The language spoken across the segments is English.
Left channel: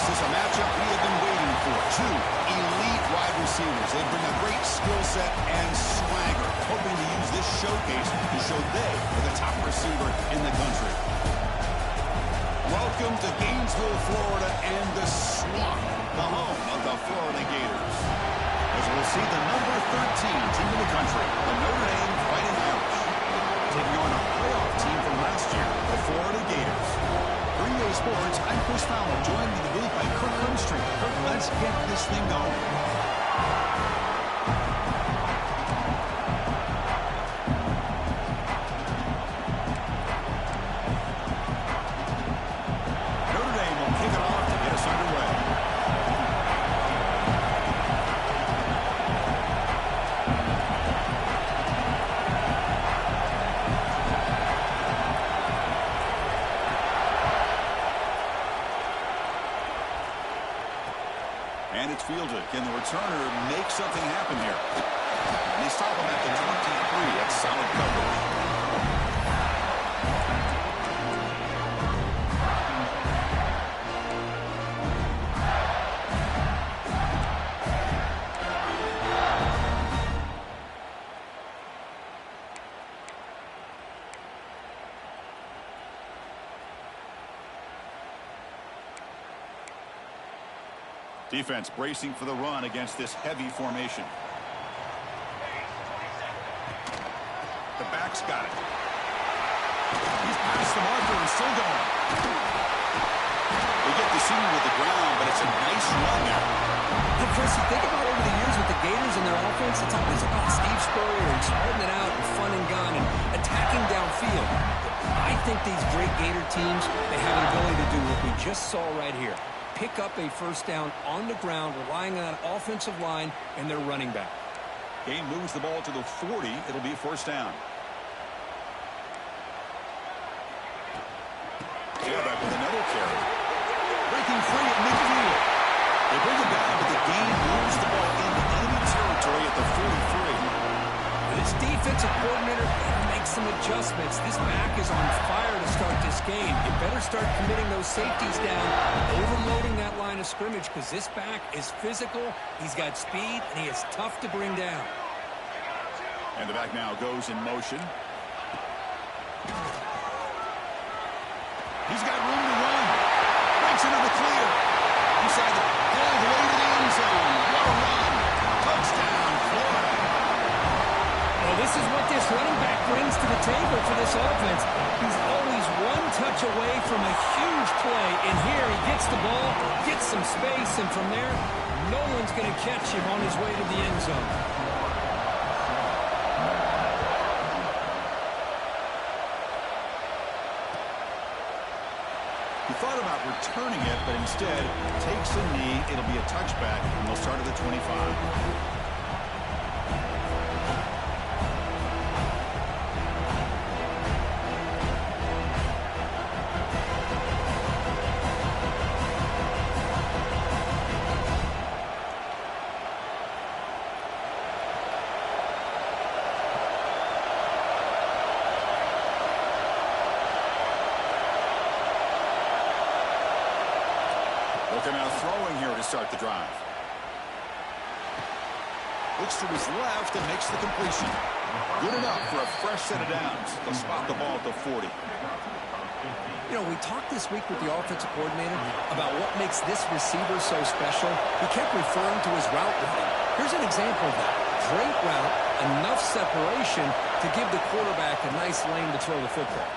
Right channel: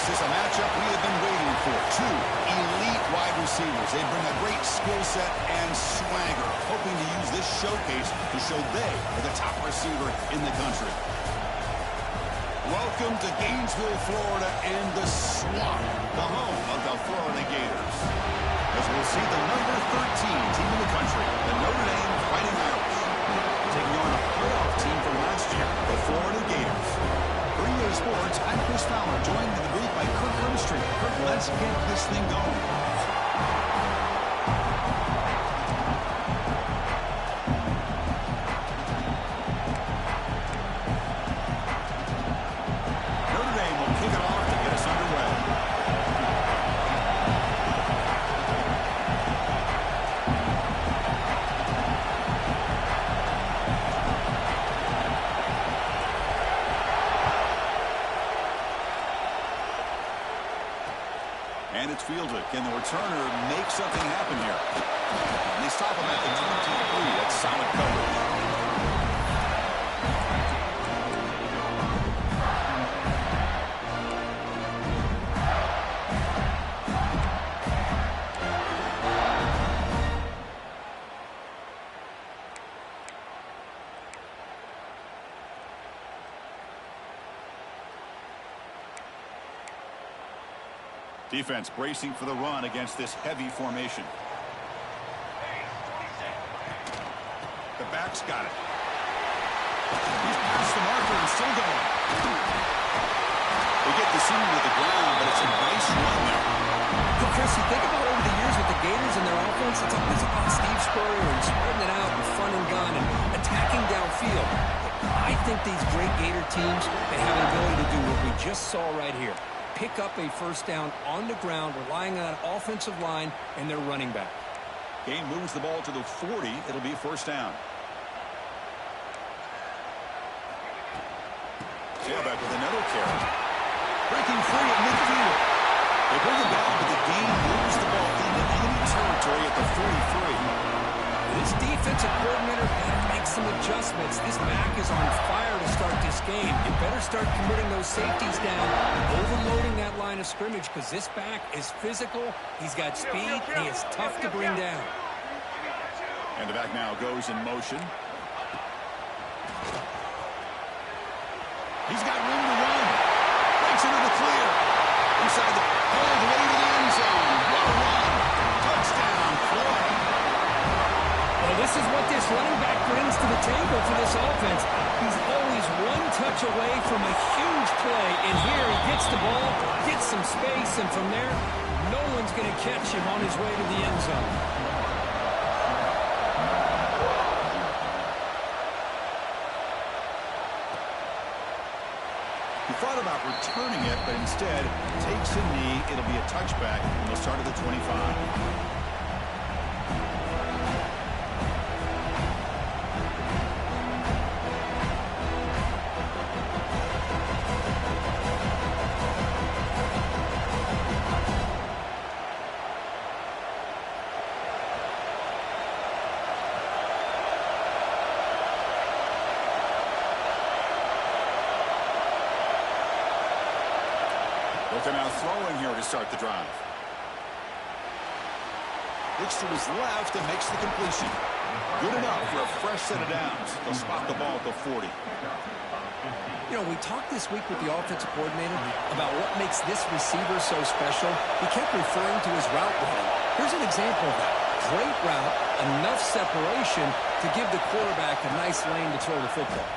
This is a matchup we have been waiting for. Two elite wide receivers. They bring a great skill set and swagger, hoping to use this showcase to show they are the top receiver in the country. Welcome to Gainesville, Florida, and the Swamp, the home of the Florida Gators. As we'll see the number 13 team in the country, the Notre Dame Fighting Irish, taking on a playoff team from last year, the Florida Gators. For EA Sports, I'm Chris Fowler, joined in the booth by Kirk Hermstreet. Kirk, let's get this thing going. Notre Dame will kick it off to get us underway. And it's fielded. Can the returner make something happen here? And they stop him at the 23. That's solid coverage. Defense bracing for the run against this heavy formation. The back's got it. He's past the marker and still going. They get the senior with the ground, but it's a nice run there. Hey, Chris, you think about over the years with the Gators and their offense, it's always about Steve Spurrier and spreading it out and fun and gun and attacking downfield. I think these great Gator teams, they have an ability to do what we just saw right here. Pick up a first down on the ground, relying on that offensive line and their running back. Game moves the ball to the 40. It'll be a first down. Tailback with another carry. Breaking free at midfield. They bring him down, but the game moves the ball into enemy territory at the 43. This defensive coordinator better make some adjustments. This back is on fire to start this game. You better start committing those safeties down, overloading that line of scrimmage, because this back is physical, he's got speed, and he is tough to bring down. And the back now goes in motion. He's got room to run. Breaks into the clear. Inside the all the way to the end zone. What a run. Touchdown, Florida. Well, this is what this running back brings to the table for this offense. He's always one touch away from a huge play. And here he gets the ball, gets some space, and from there, no one's going to catch him on his way to the end zone. He thought about returning it, but instead takes a knee. It'll be a touchback, and they'll start at the 25. They're now throwing here to start the drive. Looks to his left and makes the completion. Good enough for a fresh set of downs. They'll spot the ball at the 40. You know, we talked this week with the offensive coordinator about what makes this receiver so special. He kept referring to his route running. Here's an example of that. Great route, enough separation to give the quarterback a nice lane to throw the football.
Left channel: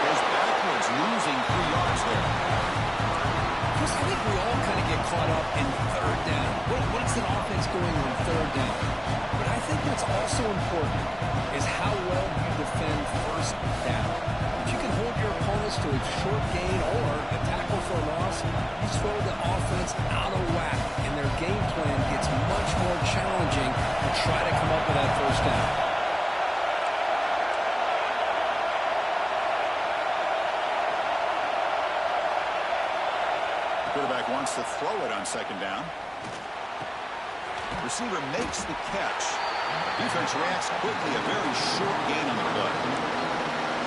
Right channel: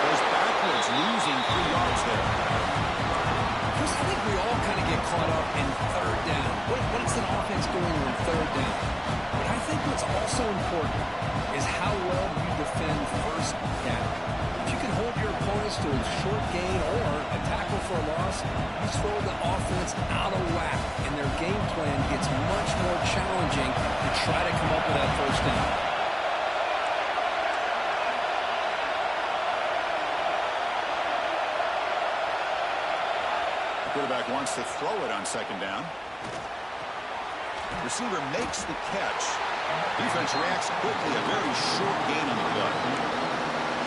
Goes backwards, losing 3 yards there. Chris, I think we all kind of get caught up in third down. What is an offense doing on third down? But I think what's also important is how well you defend first down. If you can hold your opponents to a short gain or a tackle for a loss, you throw the offense out of whack, and their game plan gets much more challenging to try to come up with that first down. Quarterback wants to throw it on second down. Receiver makes the catch. Defense reacts quickly. A very short gain on the play.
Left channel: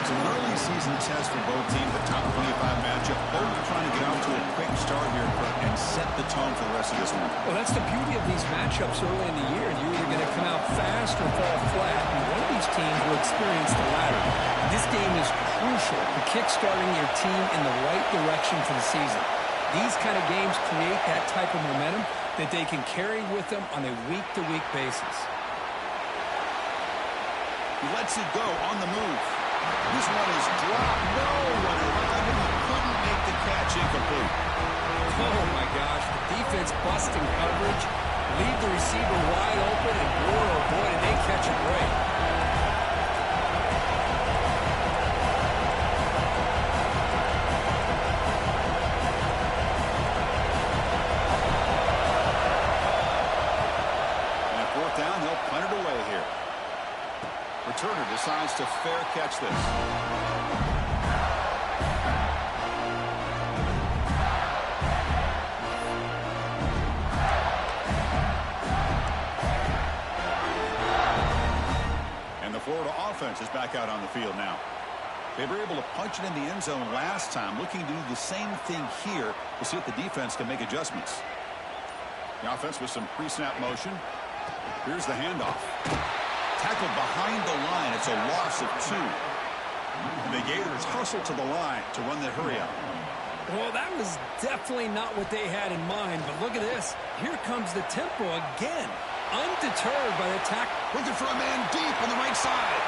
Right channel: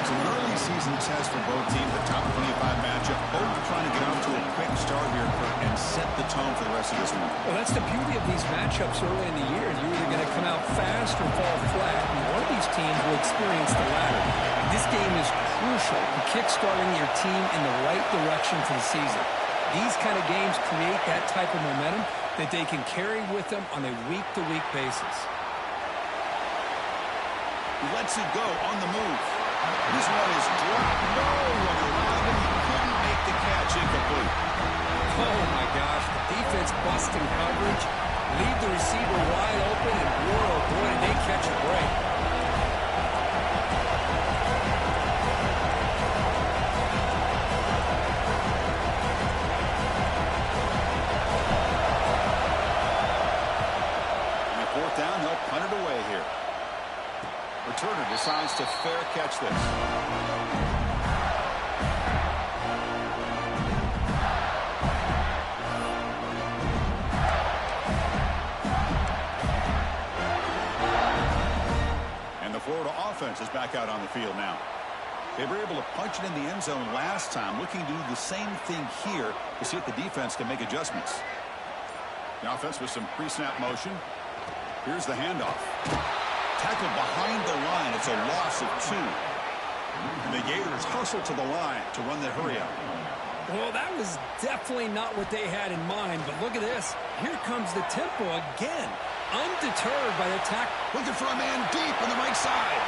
So an early season test for both teams, the top 25 matchup. Both trying to get off to a quick start here, Kurt, and set the tone for the rest of this one. Well, that's the beauty of these matchups early in the year. You're either going to come out fast or fall flat, and one of these teams will experience the latter. This game is crucial to kick-starting your team in the right direction for the season. These kind of games create that type of momentum that they can carry with them on a week-to-week basis. He lets it go on the move. This one is dropped. No one around him. He couldn't make the catch incomplete. Oh, my gosh. The defense busting coverage. Leave the receiver wide open, and boy, oh boy, did they catch a break. And at fourth down, they'll punt it away here. Returner decides to fair catch this. And the Florida offense is back out on the field now. They were able to punch it in the end zone last time, looking to do the same thing here to see if the defense can make adjustments. The offense with some pre-snap motion. Here's the handoff. Tackled behind the line. It's a loss of 2. And the Gators hustle to the line to run the hurry out. Well, that was definitely not what they had in mind, but look at this. Here comes the tempo again. Undeterred by the tackle. Looking for a man deep on the right side.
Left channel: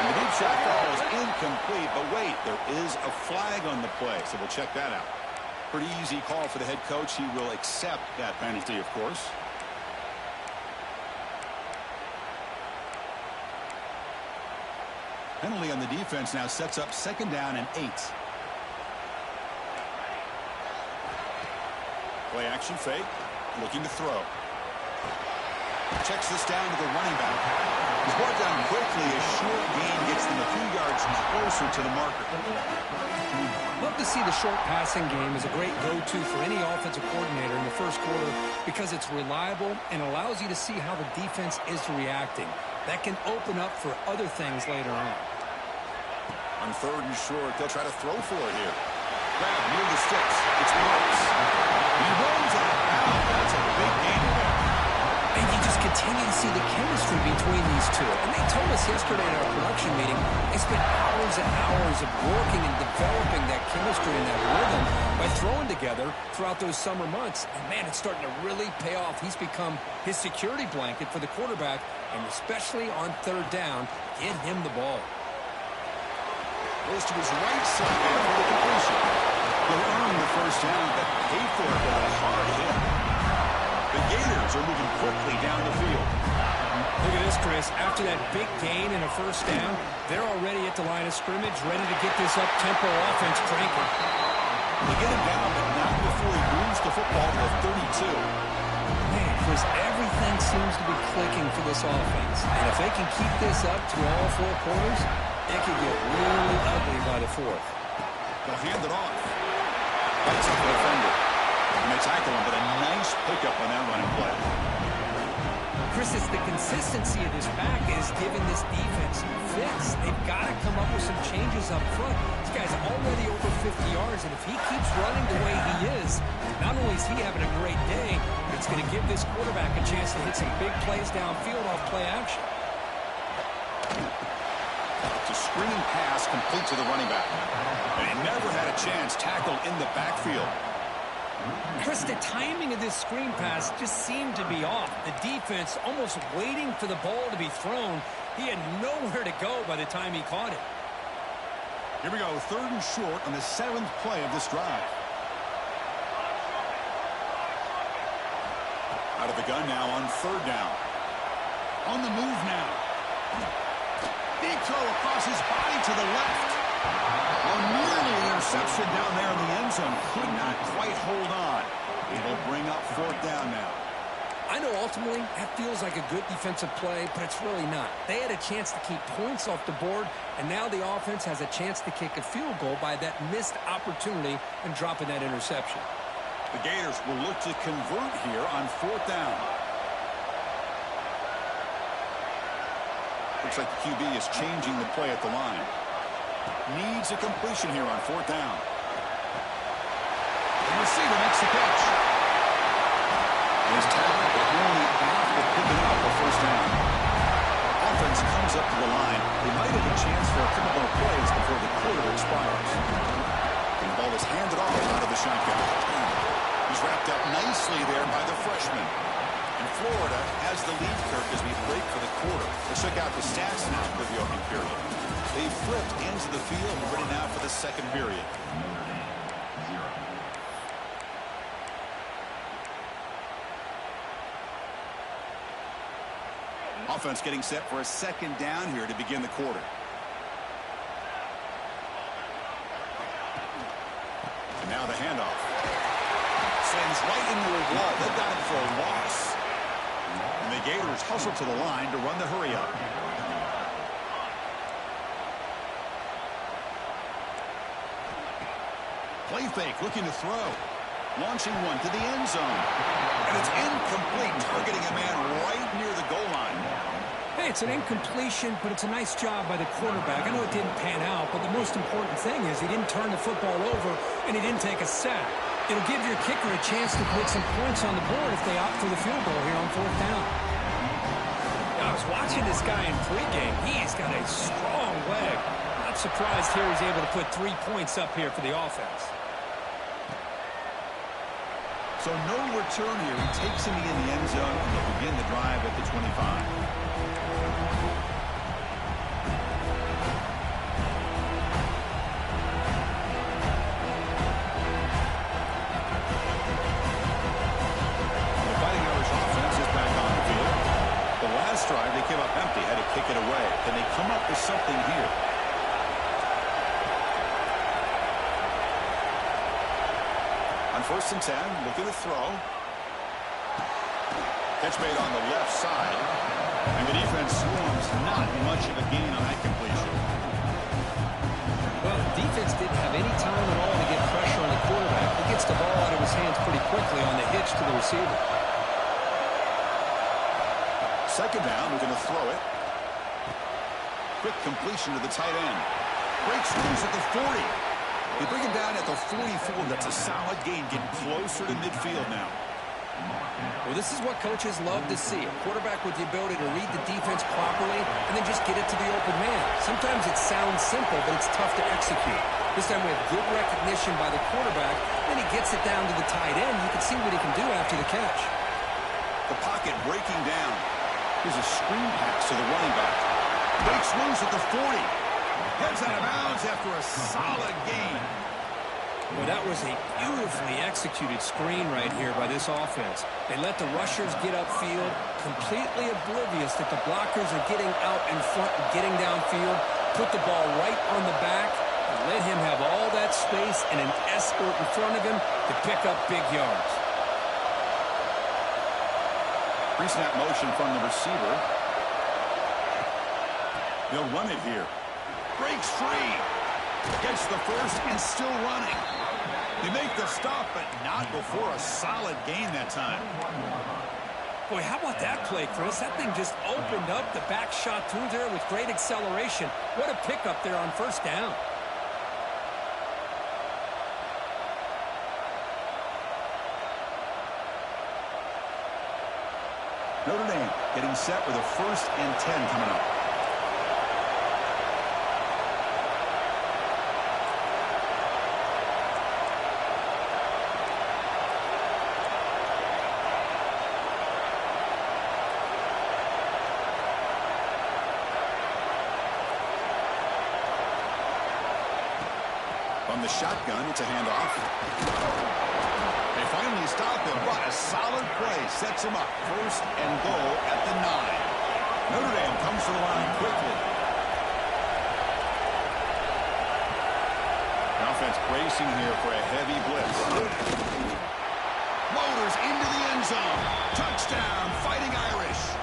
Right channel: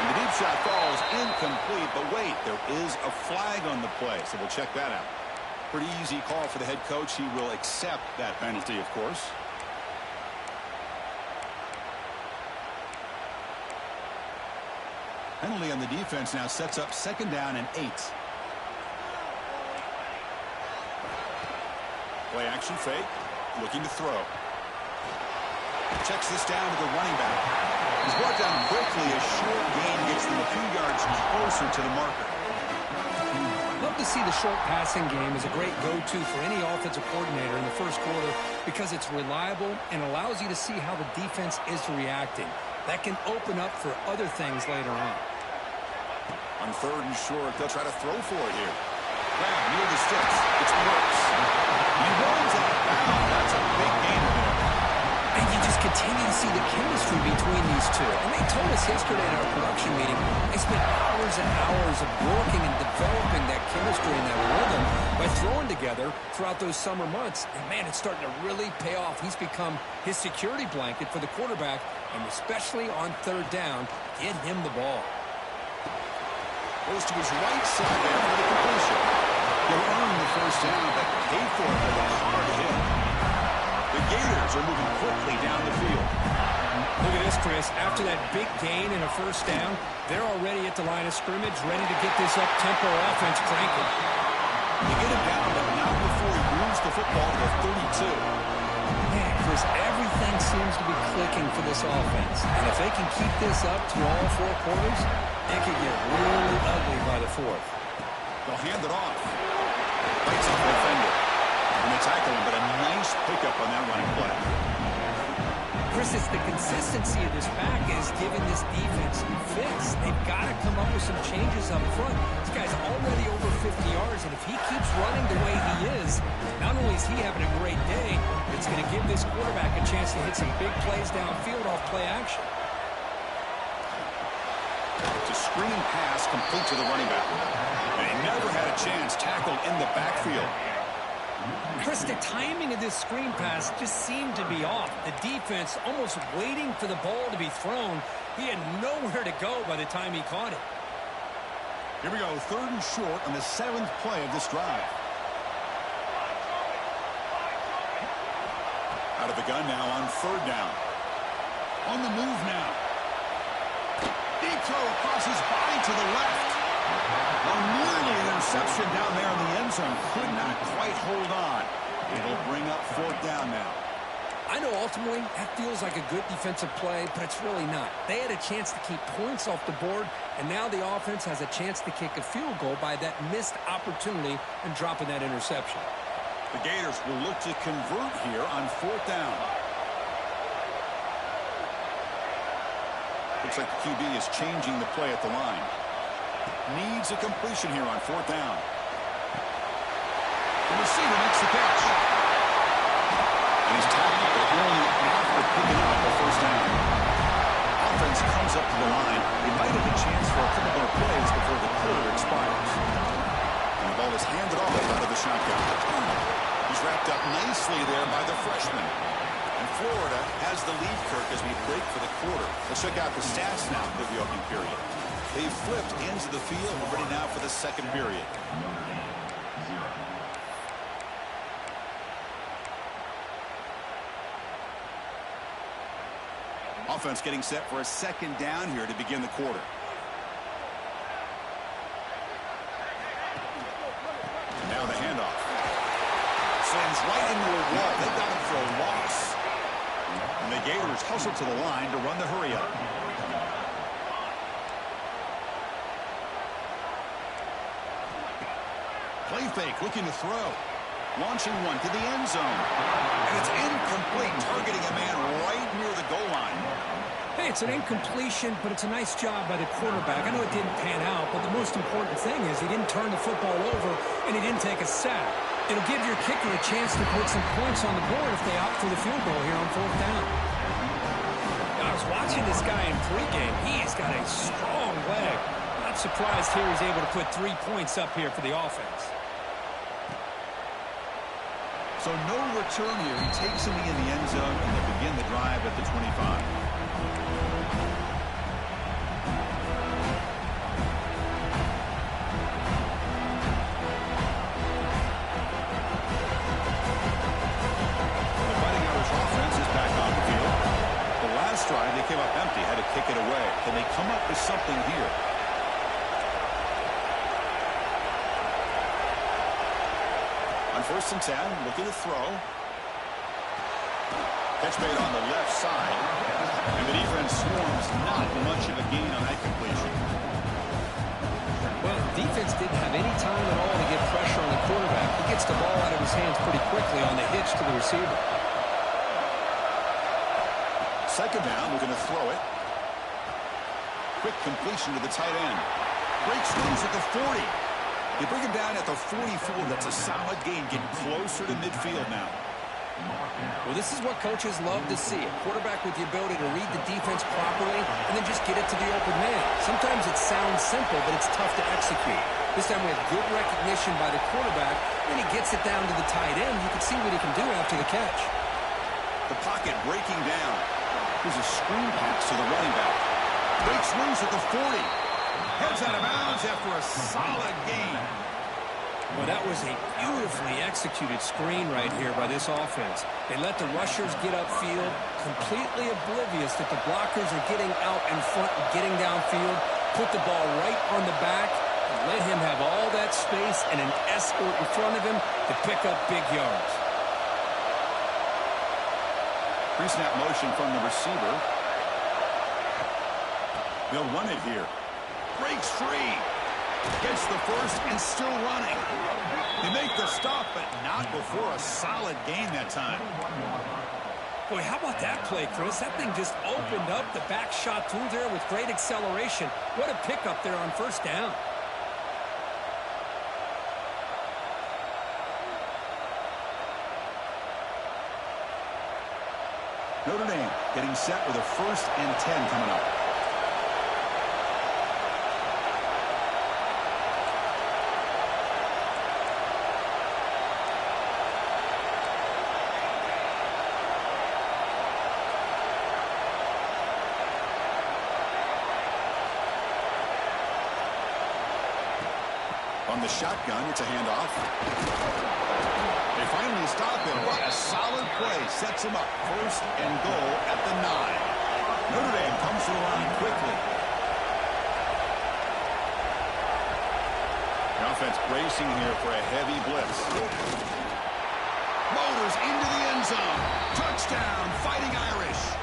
And the deep shot falls incomplete, but wait, there is a flag on the play, so we'll check that out. Pretty easy call for the head coach. He will accept that penalty, of course. Penalty on the defense now sets up 2nd down and 8. Play action fake. Looking to throw. Checks this down to the running back. He's brought down quickly. A short gain gets them a few yards closer to the marker. Love to see the short passing game as a great go-to for any offensive coordinator in the first quarter because it's reliable and allows you to see how the defense is reacting. That can open up for other things later on. On 3rd and short, they'll try to throw for it here. Grab near the sticks. It's works. He runs out of bounds. That's a big gain there. And you just continue to see the chemistry between these two. And they told us yesterday in our production meeting, they spent hours and hours of working and developing that chemistry and that rhythm by throwing together throughout those summer months. And, man, it's starting to really pay off. He's become his security blanket for the quarterback, and especially on 3rd down, get him the ball. Goes to his right side there for the completion. He'll earn the 1st down, but pay for it with a hard hit. The Gators are moving quickly down the field. Look at this, Chris. After that big gain and a 1st down, they're already at the line of scrimmage, ready to get this up-tempo offense cranking. They get him down, but not before he moves the football to the 32. Man, Chris, everything seems to be clicking for this offense. And if they can keep this up to all 4 quarters, it could get really ugly by the 4th. They'll hand it off. Bites off the defender. And they tackle him, but a nice pickup on that running play. Chris, it's the consistency of this back is giving this defense fits. They've got to come up with some changes up front. This guy's already over 50 yards, and if he keeps running the way he is, not only is he having a great day, but it's going to give this quarterback a chance to hit some big plays downfield off play action. It's a screen pass complete to the running back. And he never had a chance tackled in the backfield. Chris, the timing of this screen pass just seemed to be off. The defense almost waiting for the ball to be thrown. He had nowhere to go by the time he caught it. Here we go, 3rd and short on the 7th play of this drive. Out of the gun now on 3rd down. On the move now. Deep throw across his body to the left. Oh, nearly an interception down there in the end zone. Could not quite hold on. It'll bring up 4th down now. I know ultimately that feels like a good defensive play, but it's really not. They had a chance to keep points off the board, and now the offense has a chance to kick a field goal by that missed opportunity and dropping that interception. The Gators will look to convert here on 4th down. Looks like the QB is changing the play at the line. Needs a completion here on 4th down. The receiver makes the catch. And he's tackled, but only after picking up the 1st down. Offense comes up to the line. They might have a chance for a couple more plays before the quarter expires. And the ball is handed off out of the shotgun. He's wrapped up nicely there by the freshman. And Florida has the lead, Kirk, as we break for the quarter. Let's check out the stats now for the opening period. They've flipped into the field and ready now for the second period. Offense getting set for a 2nd down here to begin the quarter. And now the handoff. Slams right into a wall. They've got him for a loss. And the Gators hustle to the line to run the hurry up. Play fake, looking to throw. Launching one to the end zone. And it's incomplete, targeting a man right near the goal line. Hey, it's an incompletion, but it's a nice job by the quarterback. I know it didn't pan out, but the most important thing is he didn't turn the football over and he didn't take a sack. It'll give your kicker a chance to put some points on the board if they opt for the field goal here on 4th down. I was watching this guy in pregame. He's got a strong leg. Not surprised here he's able to put 3 points up here for the offense. So no return here. He takes him in the end zone, and they'll begin the drive at the 25. The Fighting Irish offense is back on the field. The last drive, they came up empty, had to kick it away. Can they come up with something here? On 1st and 10, looking to throw. Catch made on the left side. And the defense swarms, not much of a gain on that completion. Well, the defense didn't have any time at all to get pressure on the quarterback. He gets the ball out of his hands pretty quickly on the hitch to the receiver. 2nd down, looking to throw it. Quick completion to the tight end. Breaks loose at the 40. They bring him down at the 44. That's a solid gain, getting closer to midfield now. Well, this is what coaches love to see. A quarterback with the ability to read the defense properly and then just get it to the open man. Sometimes it sounds simple, but it's tough to execute. This time we have good recognition by the quarterback. Then he gets it down to the tight end. You can see what he can do after the catch. The pocket breaking down. Here's a screen pass to the running back. Breaks loose at the 40. Heads out of bounds after a solid gain. Well, that was a beautifully executed screen right here by this offense. They let the rushers get upfield, completely oblivious that the blockers are getting out in front and getting downfield, put the ball right on the back, and let him have all that space and an escort in front of him to pick up big yards. Pre-snap motion from the receiver. They'll run it here. Breaks free. Gets the first and still running. They make the stop, but not before a solid gain that time. Boy, how about that play, Chris? That thing just opened up. The back shot through there with great acceleration. What a pickup there on 1st down. Notre Dame getting set with a 1st and 10 coming up. On the shotgun, it's a handoff. They finally stop him. What a solid play. Sets him up. 1st and goal at the 9. Notre Dame comes to the line quickly. The offense bracing here for a heavy blitz. Motors into the end zone. Touchdown, Fighting Irish.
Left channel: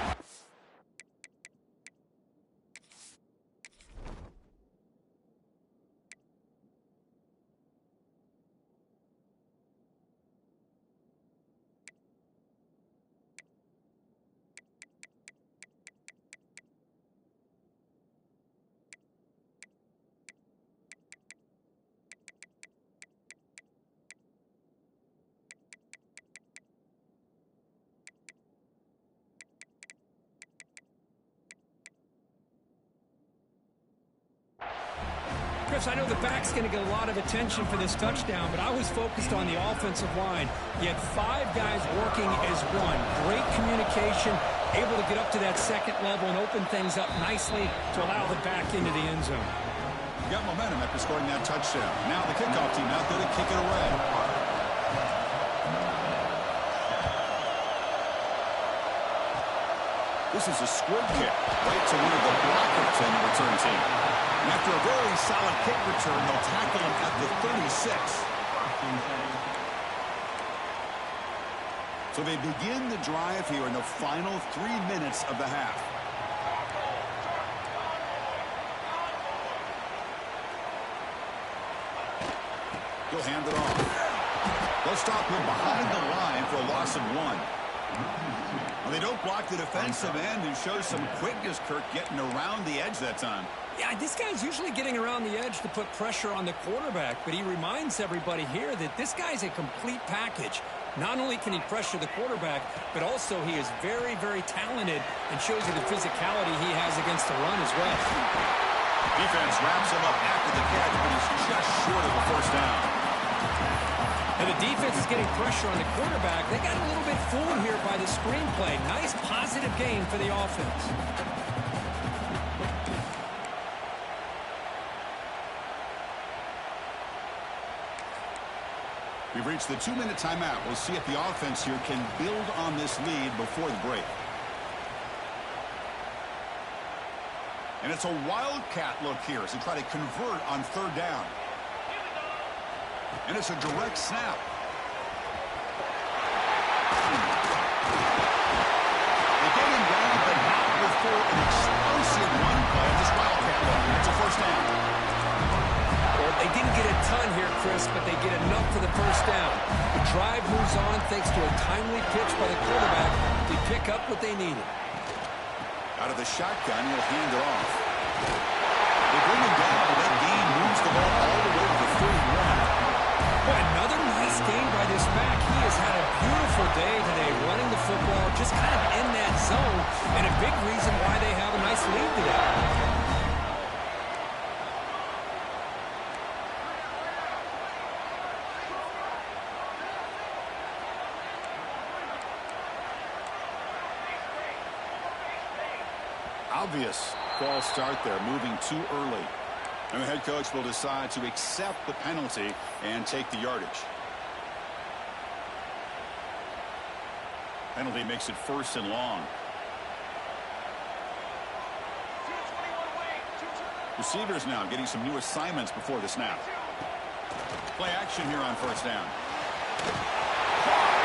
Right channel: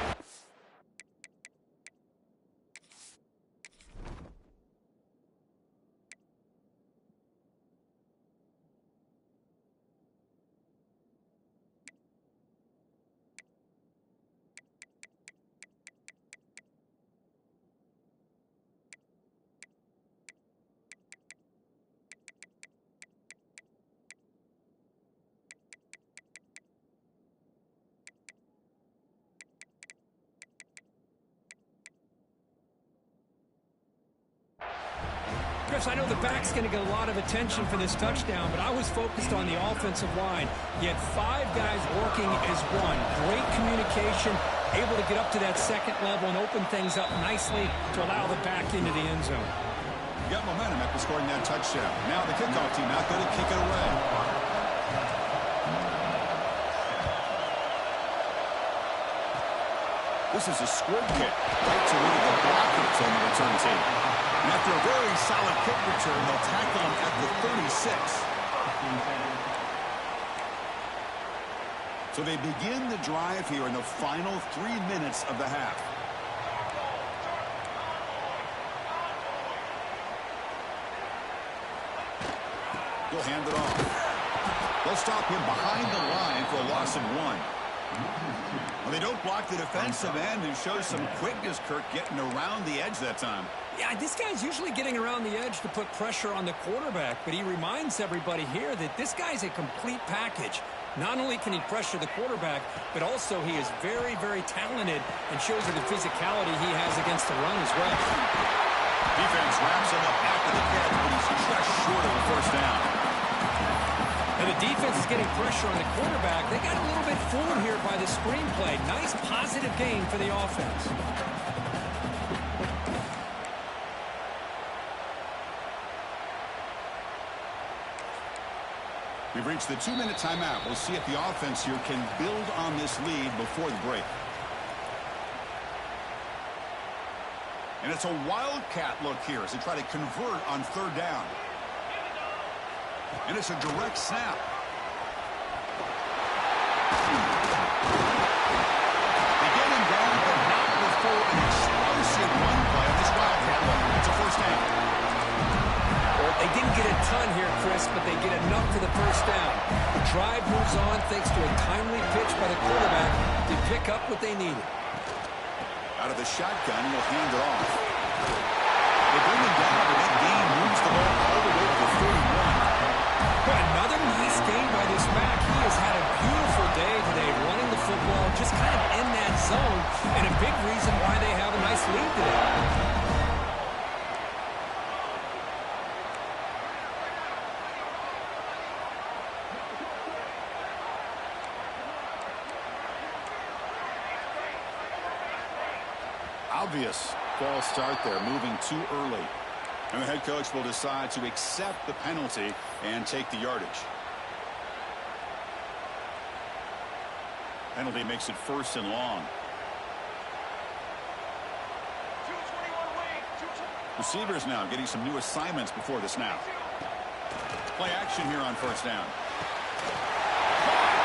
Chris, I know the back's going to get a lot of attention for this touchdown, but I was focused on the offensive line. You had 5 guys working as one. Great communication, able to get up to that second level and open things up nicely to allow the back into the end zone. You got momentum after scoring that touchdown. Now the kickoff team out there to kick it away. This is a squib kick right to one of the blockers on the return team. And after a very solid kick return, they'll tackle him at the 36. So they begin the drive here in the final 3 minutes of the half. He'll hand it off. They'll stop him behind the line for a loss of 1. Well, they don't block the defensive end, who shows some quickness, Kirk, getting around the edge that time. Yeah, this guy's usually getting around the edge to put pressure on the quarterback, but he reminds everybody here that this guy's a complete package. Not only can he pressure the quarterback, but also he is very, very talented and shows you the physicality he has against the run as well. Defense wraps him up after the catch, but he's just short of a first down. And the defense is getting pressure on the quarterback. They got a little bit fooled here by the screenplay. Nice positive gain for the offense. We've reached the 2-minute timeout. We'll see if the offense here can build on this lead before the break. And it's a wildcat look here as they try to convert on 3rd down. And it's a direct snap. They get him down, but not before an explosive run play on this wildcat look. It's a first down. Well, they didn't get a ton here, Chris, but they get enough for the first down. The drive moves on thanks to a timely pitch by the quarterback to pick up what they needed. Out of the shotgun, he'll hand it off. They bring him down, but that gain moves the ball all the way to the 31. Boy, another nice game by this back. He has had a beautiful day today running the football, just kind of in that zone, and a big reason why they have a nice lead today. Obvious false start there, moving too early. And the head coach will decide to accept the penalty and take the yardage. Penalty makes it 1st and long. Receivers now getting some new assignments before the snap. Play action here on 1st down.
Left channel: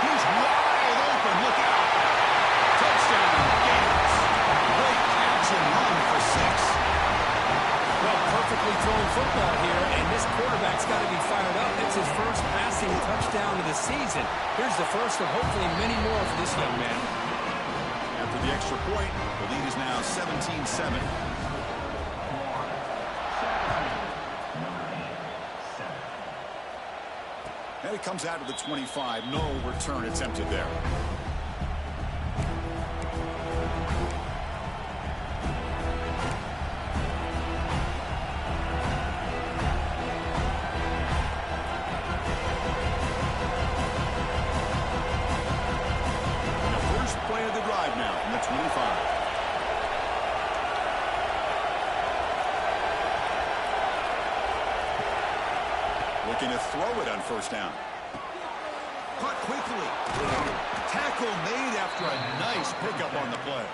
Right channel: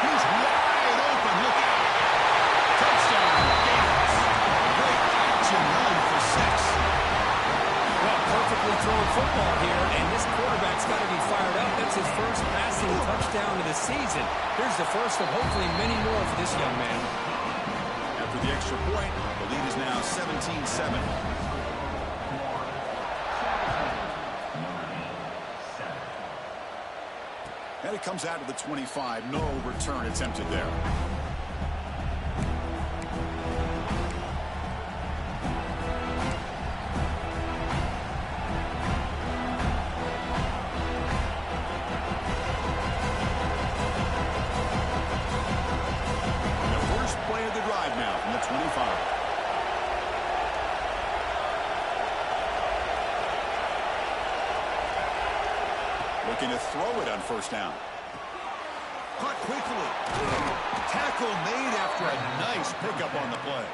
He's wide open. Look out. Touchdown, Gators. Great catch and run for 6. Well, perfectly thrown football here, and this quarterback's got to be fired up. That's his first passing touchdown of the season. Here's the first of hopefully many more for this young man. After the extra point, the lead is now 17-7. And it comes out to the 25. No return attempted there. Play of the drive now from the 25. Looking to throw it on 1st down. Caught quickly. Tackle made after a nice pickup on the play.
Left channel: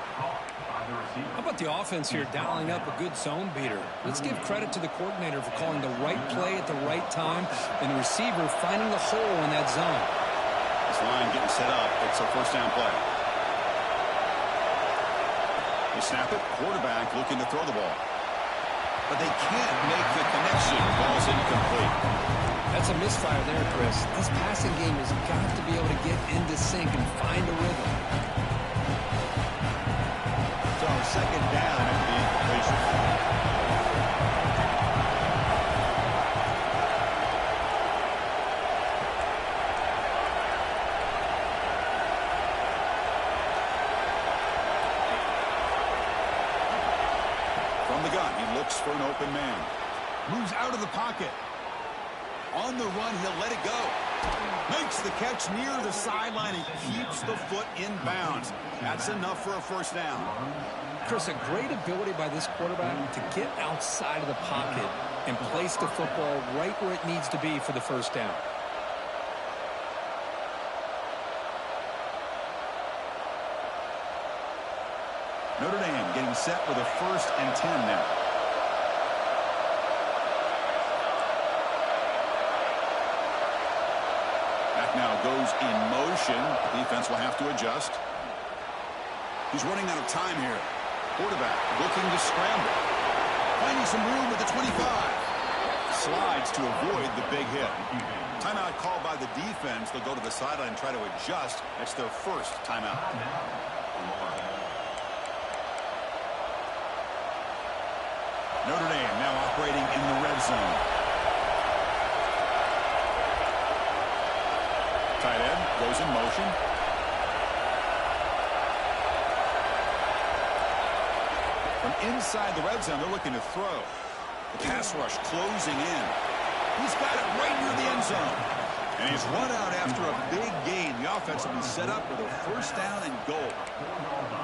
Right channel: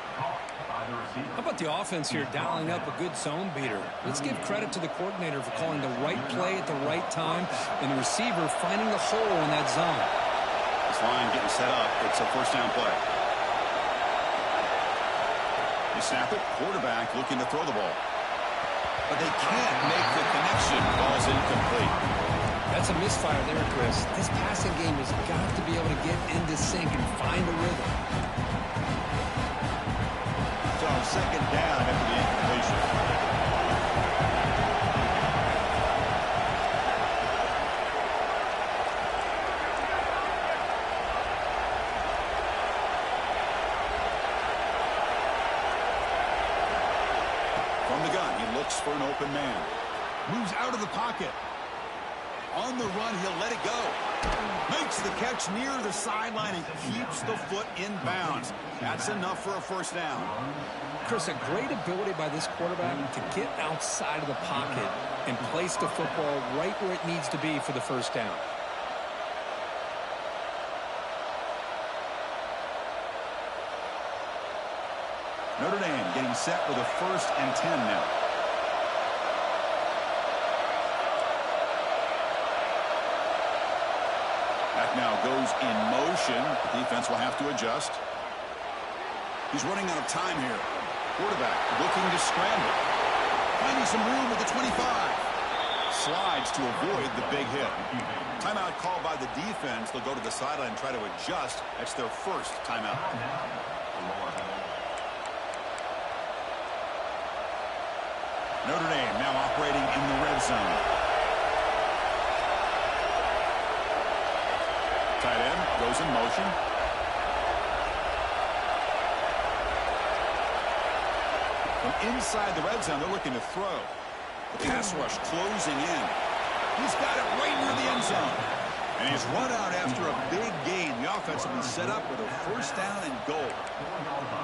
How about the offense here dialing up a good zone beater? Let's give credit to the coordinator for calling the right play at the right time and the receiver finding the hole in that zone. This line getting set up. It's a 1st down play. They snap it. Quarterback looking to throw the ball. But they can't make the connection. Ball's incomplete. That's a misfire there, Chris. This passing game has got to be able to get into sync and find a rhythm. So 2nd down after the incompletion. From the gun, he looks for an open man. Moves out of the pocket. On the run, he'll let it go. Makes the catch near the sideline and keeps the foot in bounds. That's enough for a first down. Chris, a great ability by this quarterback to get outside of the pocket and place the football right where it needs to be for the first down. Notre Dame getting set with a 1st and 10 now. Back now goes in motion. The defense will have to adjust. He's running out of time here. Quarterback looking to scramble. Finding some room at the 25. Slides to avoid the big hit. Timeout called by the defense. They'll go to the sideline and try to adjust. That's their first timeout. Notre Dame now operating in the red zone. Tight end goes in motion. From inside the red zone, they're looking to throw. The pass rush closing in. He's got it right near the end zone. And he's run out after a big gain. The offense will be set up with a first down and goal.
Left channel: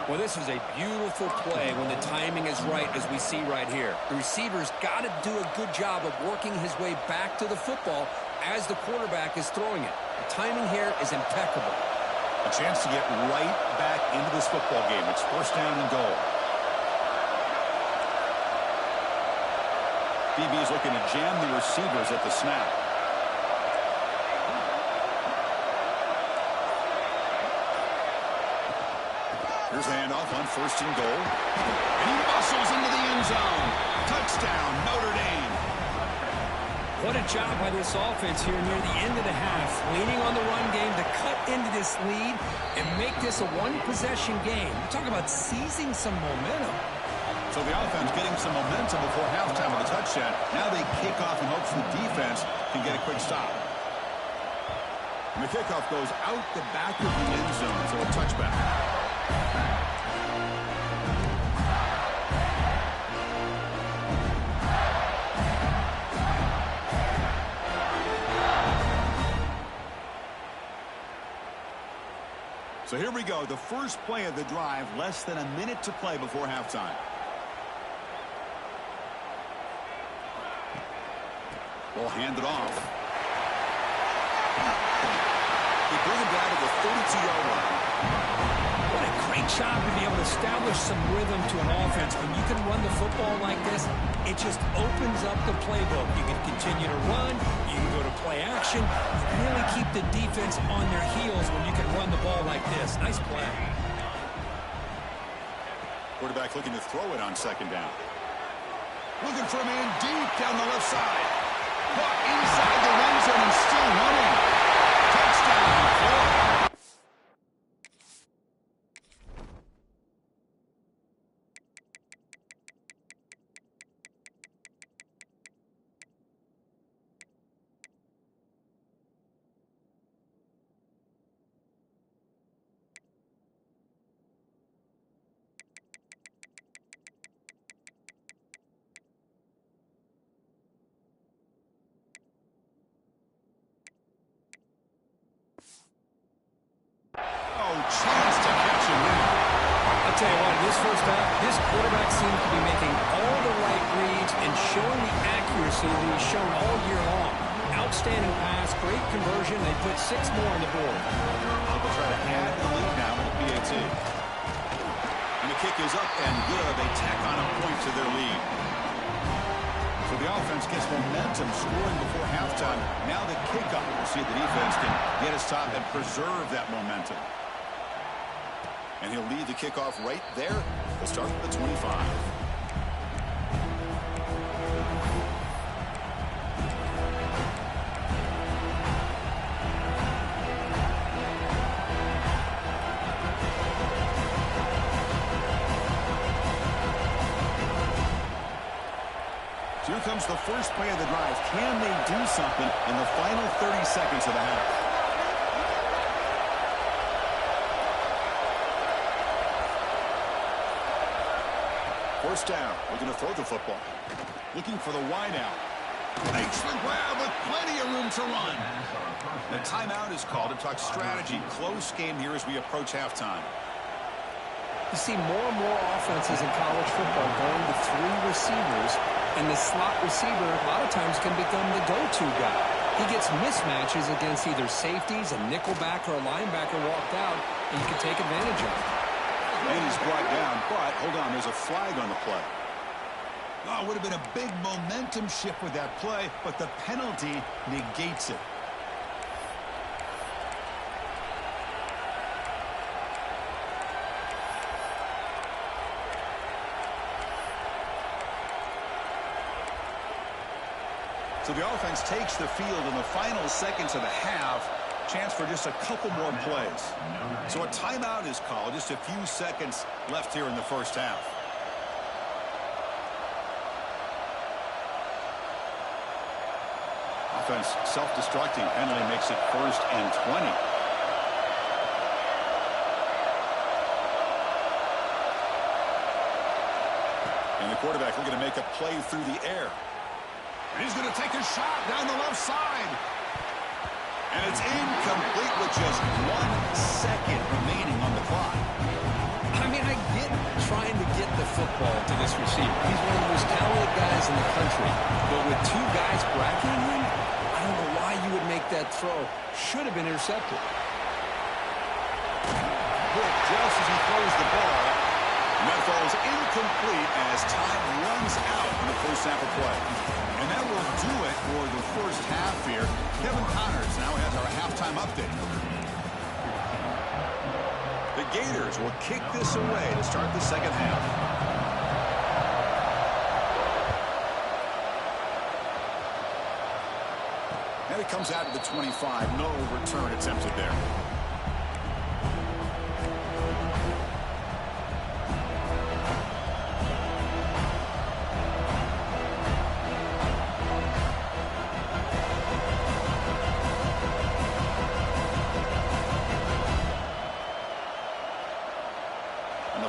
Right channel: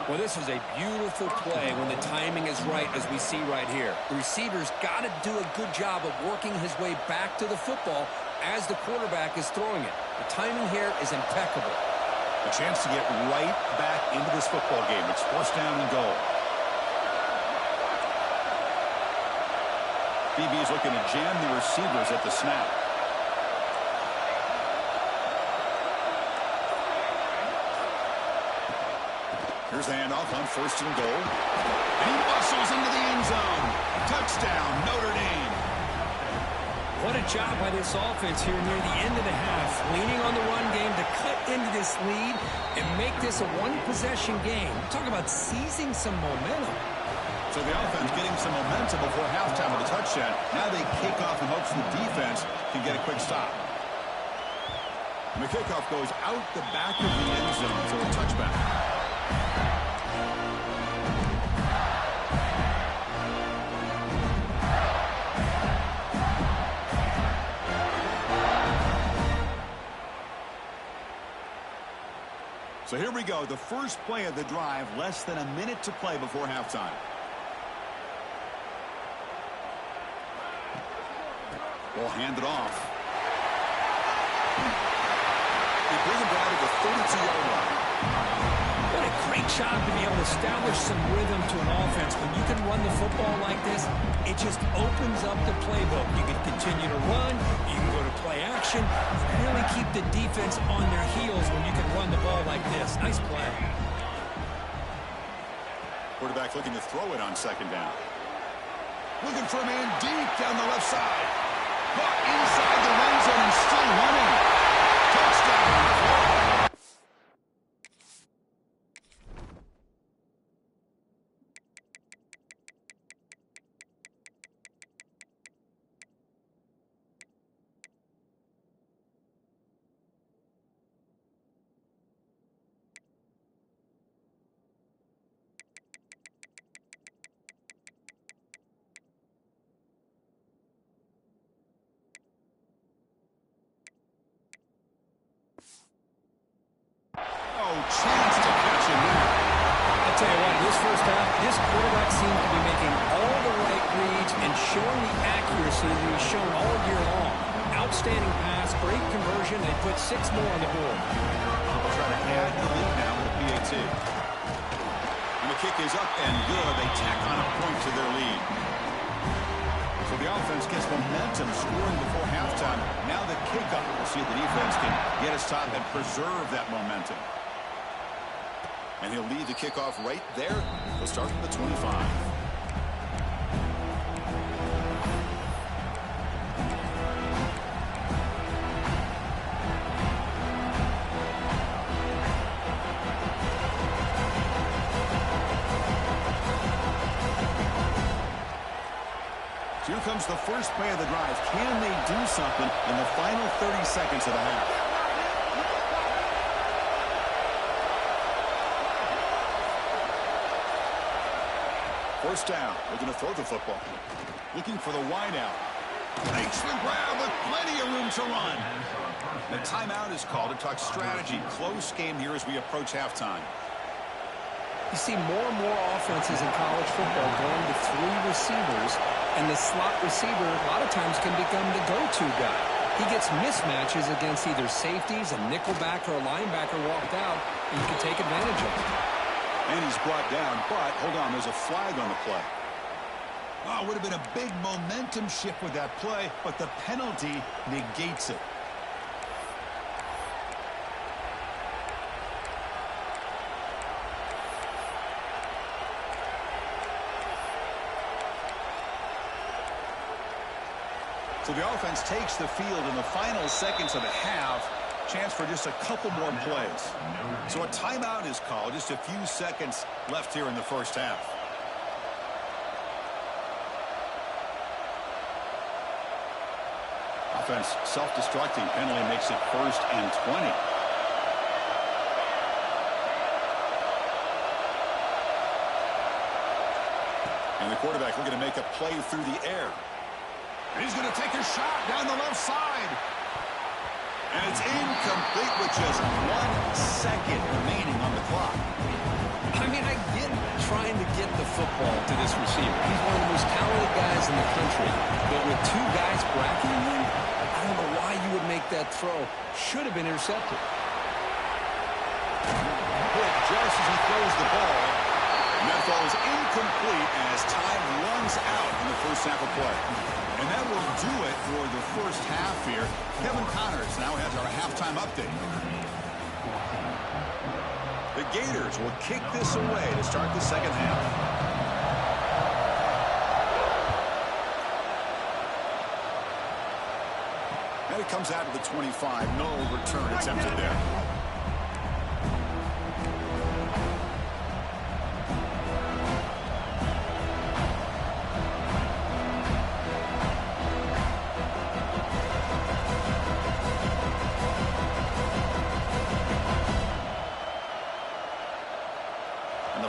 Well, this is a beautiful play when the timing is right, as we see right here. The receiver's got to do a good job of working his way back to the football as the quarterback is throwing it. The timing here is impeccable. A chance to get right back into this football game. It's first down and goal. DB is looking to jam the receivers at the snap. Here's the handoff on 1st and goal. And he bustles into the end zone. Touchdown, Notre Dame. What a job by this offense here near the end of the half, leaning on the run game to cut into this lead and make this a one-possession game. Talk about seizing some momentum. So the offense getting some momentum before halftime with a touchdown. Now they kick off in hopes the defense can get a quick stop. And the kickoff goes out the back of the end zone, so a touchback. So here we go, the first play of the drive, less than a minute to play before halftime. We'll hand it off. They bring him down to the 32-yard line. What a great job to be able to establish some rhythm to an offense. When you can run the football like this, it just opens up the playbook. You can continue to run. You can go to play action. Really keep the defense on their heels when you can run the ball like this. Nice play. Quarterback looking to throw it on 2nd down. Looking for a man deep down the left side. Caught inside the red zone and still running. Touchdown, Florida. Chance to catch him there. I'll tell you what, in this first half, this quarterback seems to be making all the right reads and showing the accuracy that he's shown all year long. Outstanding pass, great conversion. They put 6 more on the board. They'll try to add the lead now with a PAT. And the kick is up and good. They tack on a point to their lead. So the offense gets momentum scoring before halftime. Now the kickoff. We'll see if the defense can get a stop and preserve that momentum. And he'll lead the kickoff right there. He'll start from the 25. So here comes the first play of the drive. Can they do something in the final 30 seconds of the half? First down, looking to throw the football. Looking for the wide out. Makes the grab with plenty of room to run. The timeout is called to talk strategy. Close game here as we approach halftime. You see more and more offenses in college football going to 3 receivers, and the slot receiver a lot of times can become the go-to guy. He gets mismatches against either safeties, a nickelback, or a linebacker walked out, and you can take advantage of it. And he's brought down, but hold on, there's a flag on the play. Oh, it would have been a big momentum shift with that play, but the penalty negates it. So the offense takes the field in the final seconds of the half. Chance for just a couple more plays. So a timeout is called. Just a few seconds left here in the first half. Offense self-destructing. Penalty makes it 1st and 20. And the quarterback looking to make a play through the air. And he's going to take a shot down the left side. And it's incomplete with just 1 second remaining on the clock. I mean, I get trying to get the football to this receiver. He's one of the most talented guys in the country. But with 2 guys bracketing him, I don't know why you would make that throw. Should have been intercepted. Hit just as he throws the ball. And that falls incomplete as time runs out in the first half of play. And that will do it for the first half here. Kevin Connors now has our halftime update. The Gators will kick this away to start the second half. And it comes out to the 25. No return attempted there.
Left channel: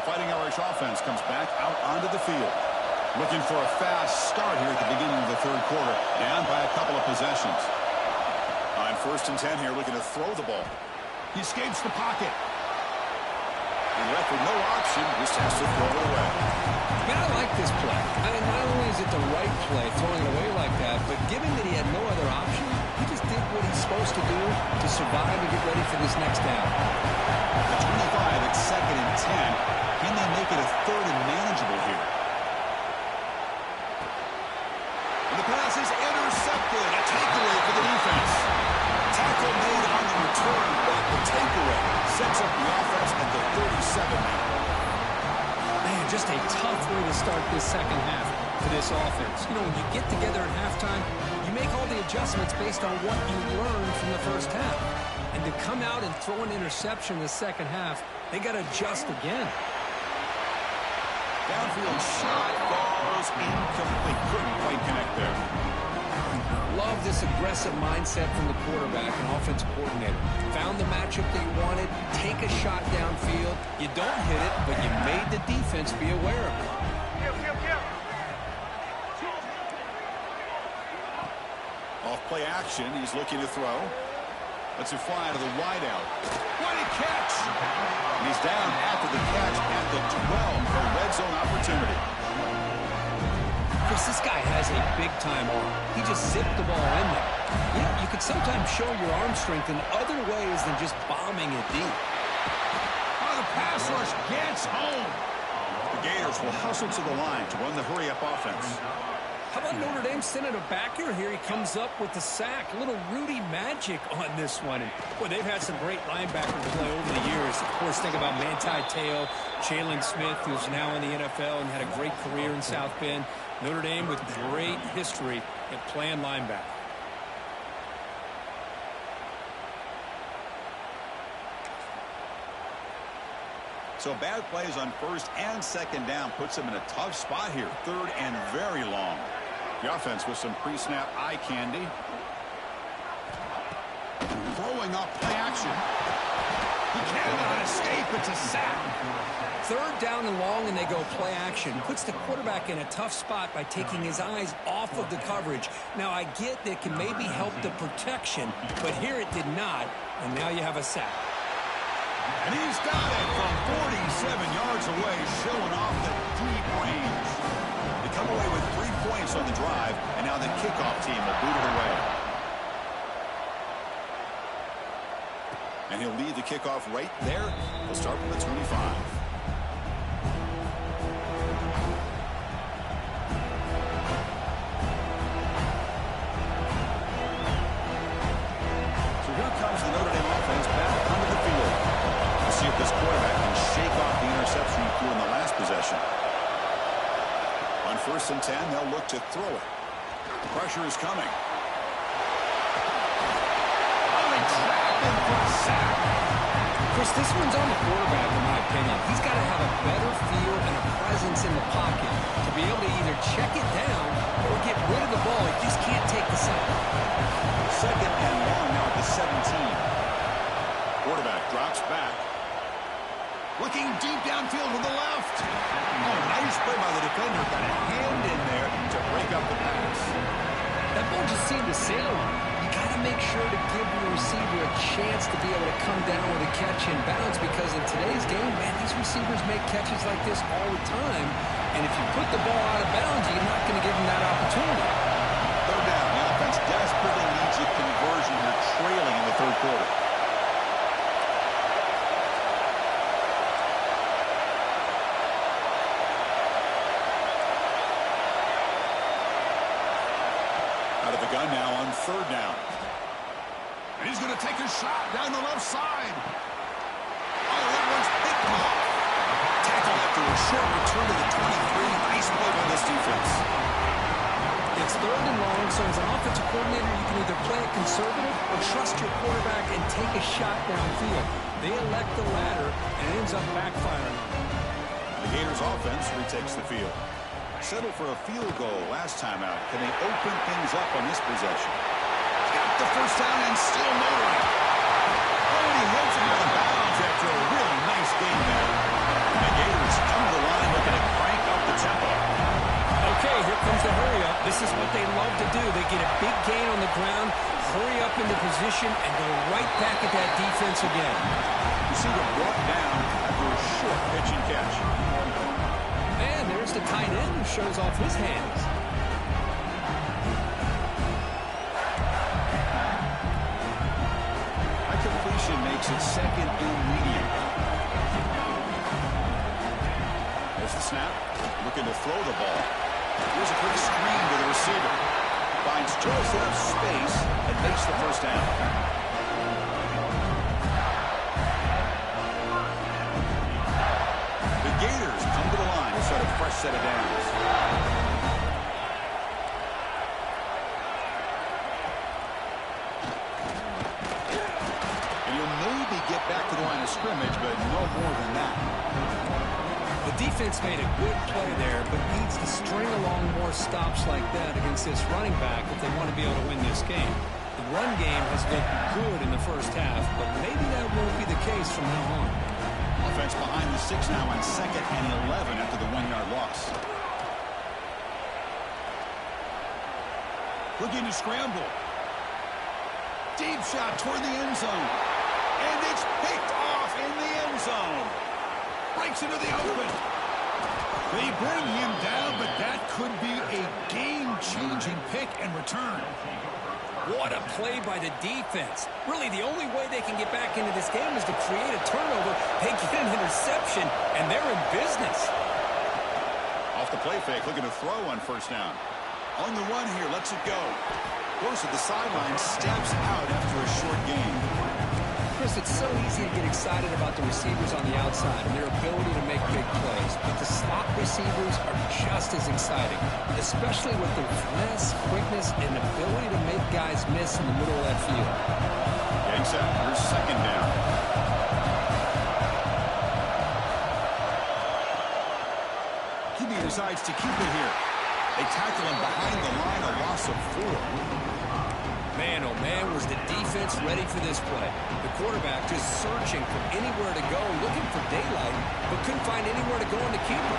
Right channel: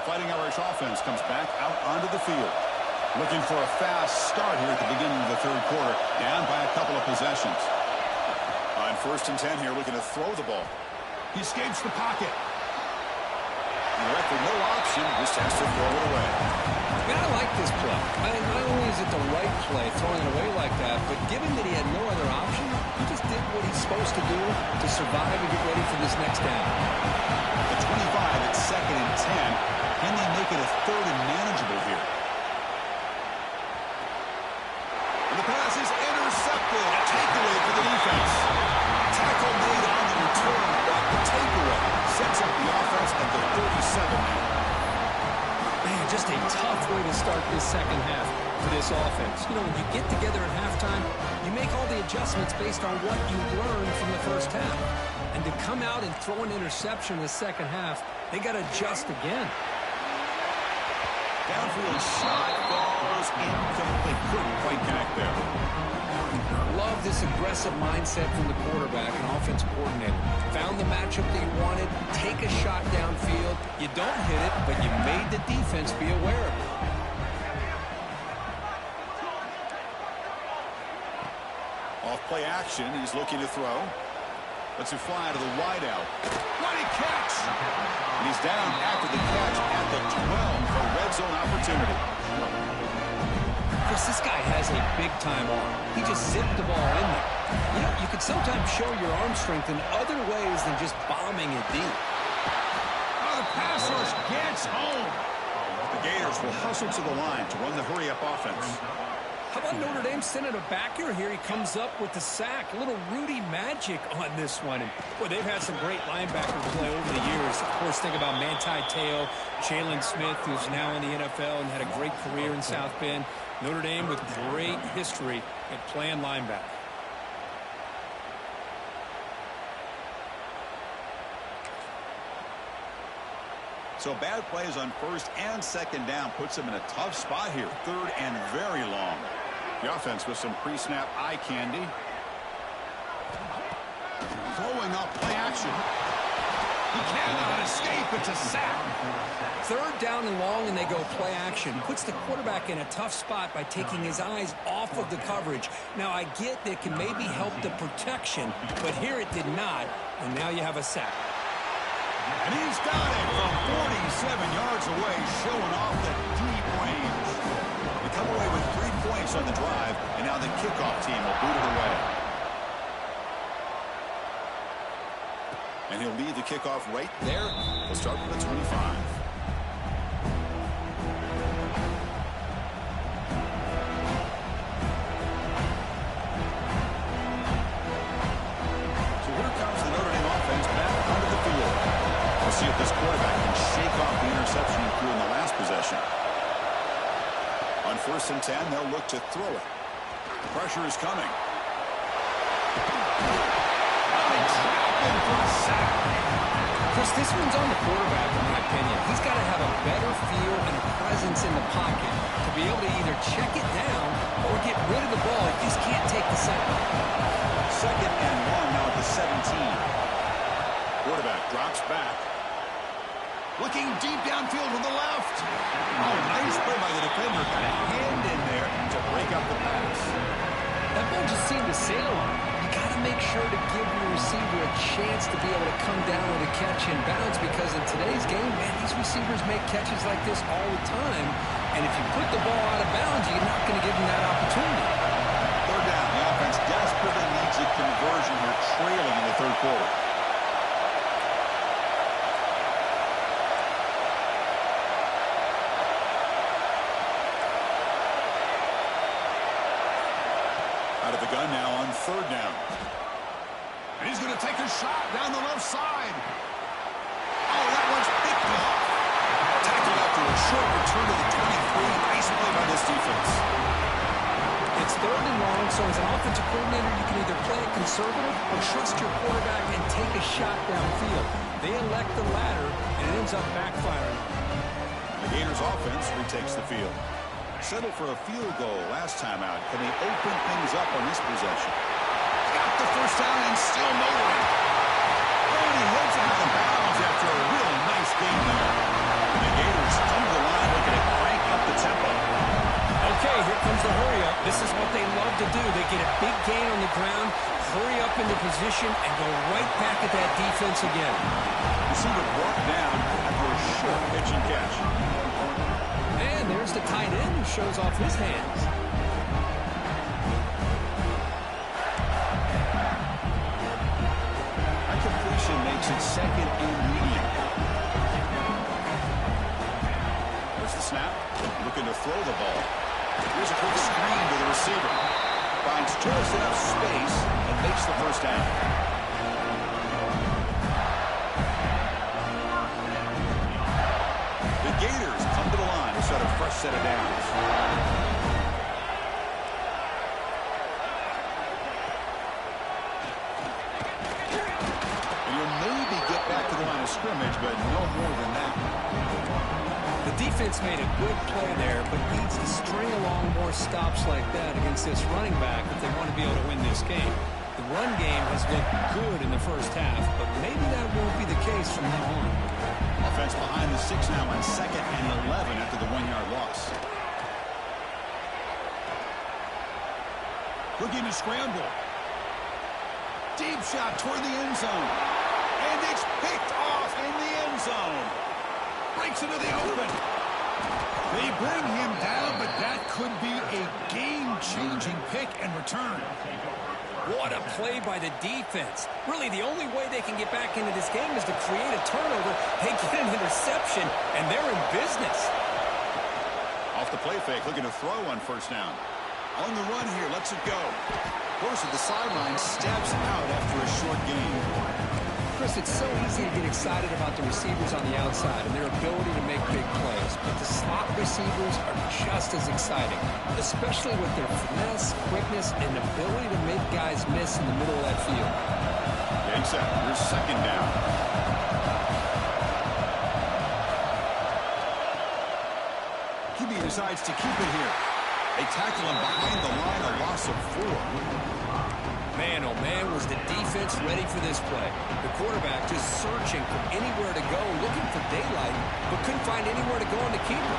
Fighting Irish offense comes back out onto the field. Looking for a fast start here at the beginning of the third quarter. Down by a couple of possessions. On 1st and 10 here, looking to throw the ball. He escapes the pocket. And left with no option, just has to throw it away. Man, I like this play. I mean, not only is it the right play, throwing it away like that, but given that he had no other option, he just did what he's supposed to do to survive and get ready for this next down. The 25 at 2nd and 10. Can they make it a 3rd and manageable here? And the pass is intercepted. A takeaway for the defense. Tackle made on the return, but the takeaway sets up the offense at the 37 now. Man, just a tough way to start this second half for this offense. You know, when you get together at halftime, you make all the adjustments based on what you learned from the first half. And to come out and throw an interception in the second half, they got to adjust again. Downfield shot falls incomplete. Couldn't quite connect there. Love this aggressive mindset from the quarterback and offensive coordinator. Found the matchup that you wanted, take a shot downfield. You don't hit it, but you made the defense be aware of it. Off play action, he's looking to throw. Lets it fly to the wide out. What a catch! And he's down after the catch at the 12 for a red zone opportunity. Chris, this guy has a big-time arm. He just zipped the ball in there. You know, you could sometimes show your arm strength in other ways than just bombing it deep. Oh, the pass rush gets home. The Gators will hustle to the line to run the hurry-up offense. How about Notre Dame sending a backer here? He comes up with the sack. A little Rudy magic on this one. And, boy, they've had some great linebacker play over the years. Of course, think about Manti Te'o, Jalen Smith, who's now in the NFL and had a great career in South Bend. Notre Dame with great history at playing linebacker. So bad plays on 1st and 2nd down puts them in a tough spot here. 3rd and very long. The offense with some pre-snap eye candy. Throwing off play action. He cannot escape. It's a sack. Third down and long, and they go play action. Puts the quarterback in a tough spot by taking his eyes off of the coverage. Now, I get that it can maybe help the protection, but here it did not, and now you have a sack. And he's got it from 47 yards away, showing off the deep range. They come away with 3 points on the drive, and now the kickoff team will boot it away. And he'll lead the kickoff right there. He'll start from the 25. So here comes the Notre Dame offense back onto the field. We'll see if this quarterback can shake off the interception he threw in the last possession. On 1st and 10, they'll look to throw it. Pressure is coming. Oh, they trap him for a sack. Chris, this one's on the quarterback, in my opinion. He's got to have a better feel and a presence in the pocket to be able to either check it down or get rid of the ball. He just can't take the sack. 2nd and long now at the 17. Quarterback drops back. Looking deep downfield to the left. Oh, nice play by the defender. Got a hand in there to break up the pass. That ball just seemed to sail on. You got to make sure to give your receiver a chance to be able to come down with a catch and bounce, because in today's game, man, these receivers make catches like this all the time. And if you put the ball out of bounds, you're not going to give them that opportunity. 3rd down. The offense desperately needs a conversion here, trailing in the 3rd quarter. Out of the gun now on 3rd down. And he's going to take a shot down the left side. Oh, that one's picked off. Tackled after a short return to the 23. Nice play by this defense. It's 3rd and long, so as an offensive coordinator, you can either play it conservative or trust your quarterback and take a shot downfield. They elect the latter, and it ends up backfiring on them. The Gators offense retakes the field. Settled for a field goal last time out. Can they open things up on this possession? He's got the 1st down and still motoring. Oh, and he heads out of bounds after a really nice game there. And the Gators come to the line looking to crank up the tempo. Okay, here comes the hurry up. This is what they love to do. They get a big gain on the ground, hurry up into position, and go right back at that defense again. Receiver brought down after a short pitch and catch. And there's the tight end who shows off his hands. That completion makes it 2nd and medium. There's the snap. Looking to throw the ball. Here's a quick screen to the receiver. Finds just enough space and makes the 1st down. The Gators come to the line to start a fresh set of downs. And you'll maybe get back to the line of scrimmage, but no more than that. The defense made a good play there, but needs to string along more stops like that against this running back if they want to be able to win this game. The run game has looked good in the 1st half, but maybe that won't be the case from now on. Offense behind the 6 now on 2nd and 11 after the 1-yard loss. Looking to scramble. Deep shot toward the end zone. And it's picked off in the end zone. Breaks into the open. They bring him down, but that could be a game-changing pick and return. What a play by the defense. Really, the only way they can get back into this game is to create a turnover. They get an interception, and they're in business. Off the play fake, looking to throw on 1st down. On the run here, lets it go. Goes to the sideline, steps out after a short gain. Chris, it's so easy to get excited about the receivers on the outside and their ability to make big plays, but the slot receivers are just as exciting, especially with their finesse, quickness, and ability to make guys miss in the middle of that field. Getting set. Here's 2nd down. QB decides to keep it here. They tackle him behind the line, a loss of 4. Man, oh man, was the defense ready for this play. The quarterback just searching for anywhere to go, looking for daylight, but couldn't find anywhere to go on the keeper.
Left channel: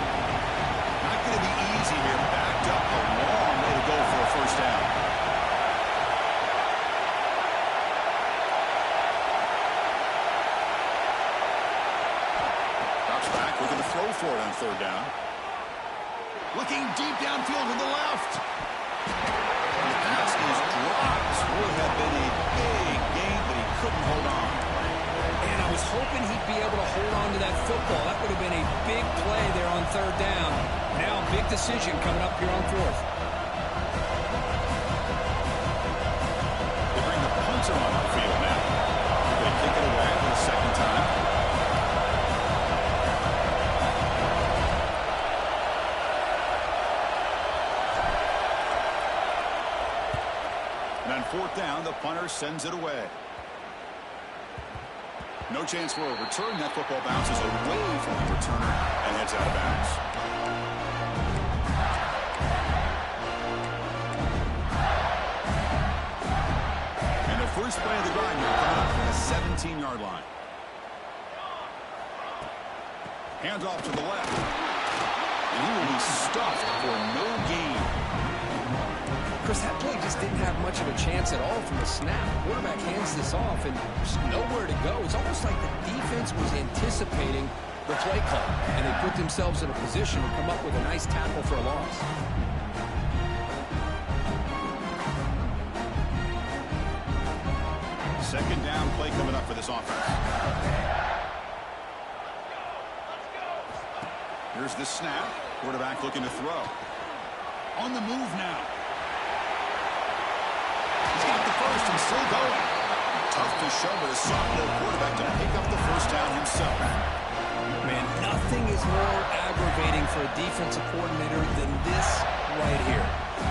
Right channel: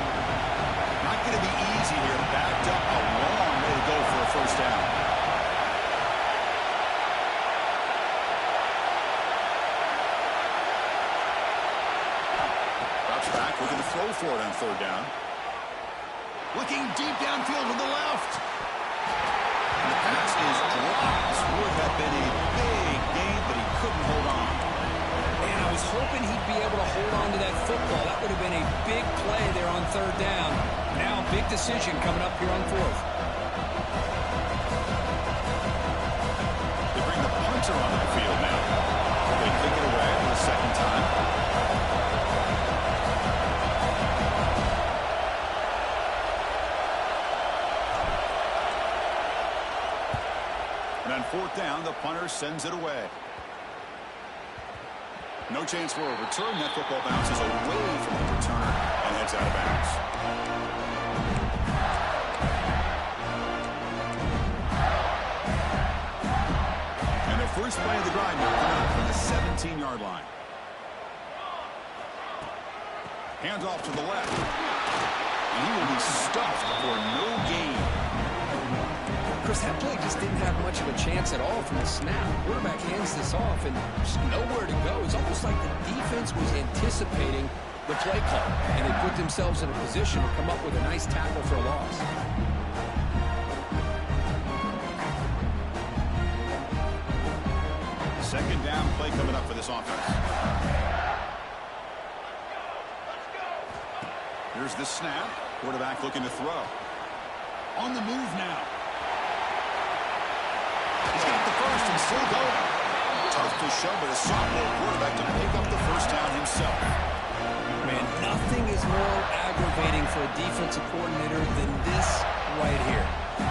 Not going to be easy here. Backed up a long way to go for a first down. Drops back, looking to throw for it on third down. Looking deep downfield to the left. And the pass is dropped. Would have been a big gain, but he couldn't hold on. And I was hoping he'd be able to hold on to that football. That would have been a big play there on third down. Now a big decision coming up here on fourth. They bring the punter onto the field now. They're going to kick it away for the second time. And on fourth down, the punter sends it away. No chance for a return. That football bounces away from the returner and heads out of bounds. And the first play of the drive now coming up from the 17-yard line. Hands off to the left. And he will be stuffed for no gain. Chris, that play just didn't have much of a chance at all from the snap. Quarterback hands this off and just nowhere to go. It's almost like the defense was anticipating the play call, and they put themselves in a position to come up with a nice tackle for a loss. Second down play coming up for this offense. Here's the snap. Quarterback looking to throw. On the move now. He's got the first and still going. Tough to show, but a sophomore quarterback to pick up the first down himself. Man, nothing is more aggravating for a defensive coordinator than this right here.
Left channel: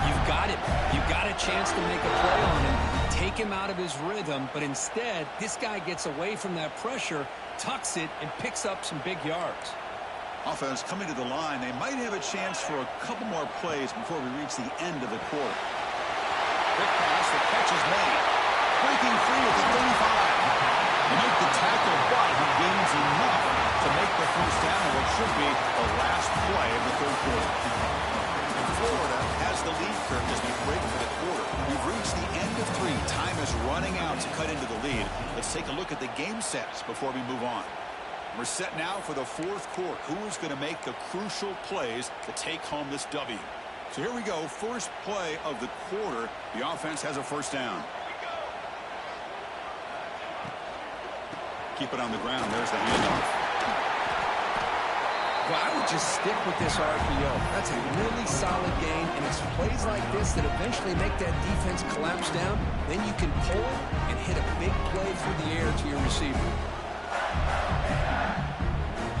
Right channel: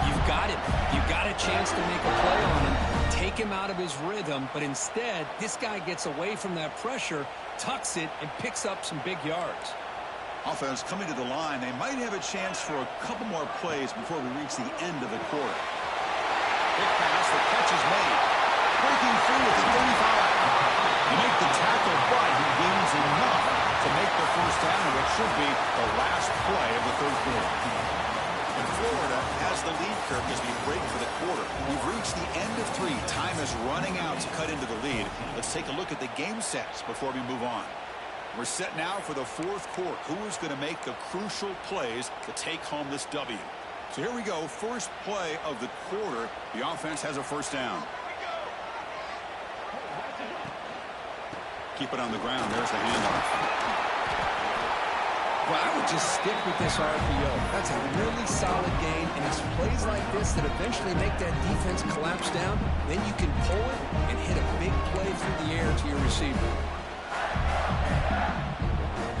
You've got him. You've got a chance to make a play on him, take him out of his rhythm, but instead, this guy gets away from that pressure, tucks it, and picks up some big yards. Offense coming to the line. They might have a chance for a couple more plays before we reach the end of the quarter. Quick pass, the catch is made. Breaking free at the 35. You make the tackle, but he gains enough to make the first down in what should be the last play of the third quarter. And Florida has the lead, Kirk, as we break for the quarter. We've reached the end of three. Time is running out to cut into the lead. Let's take a look at the game sets before we move on. We're set now for the fourth quarter. Who is going to make the crucial plays to take home this W? So here we go. First play of the quarter. The offense has a first down. Keep it on the ground. There's the handoff. Well, I would just stick with this RPO. That's a really solid gain, and it's plays like this that eventually make that defense collapse down. Then you can pull it and hit a big play through the air to your receiver.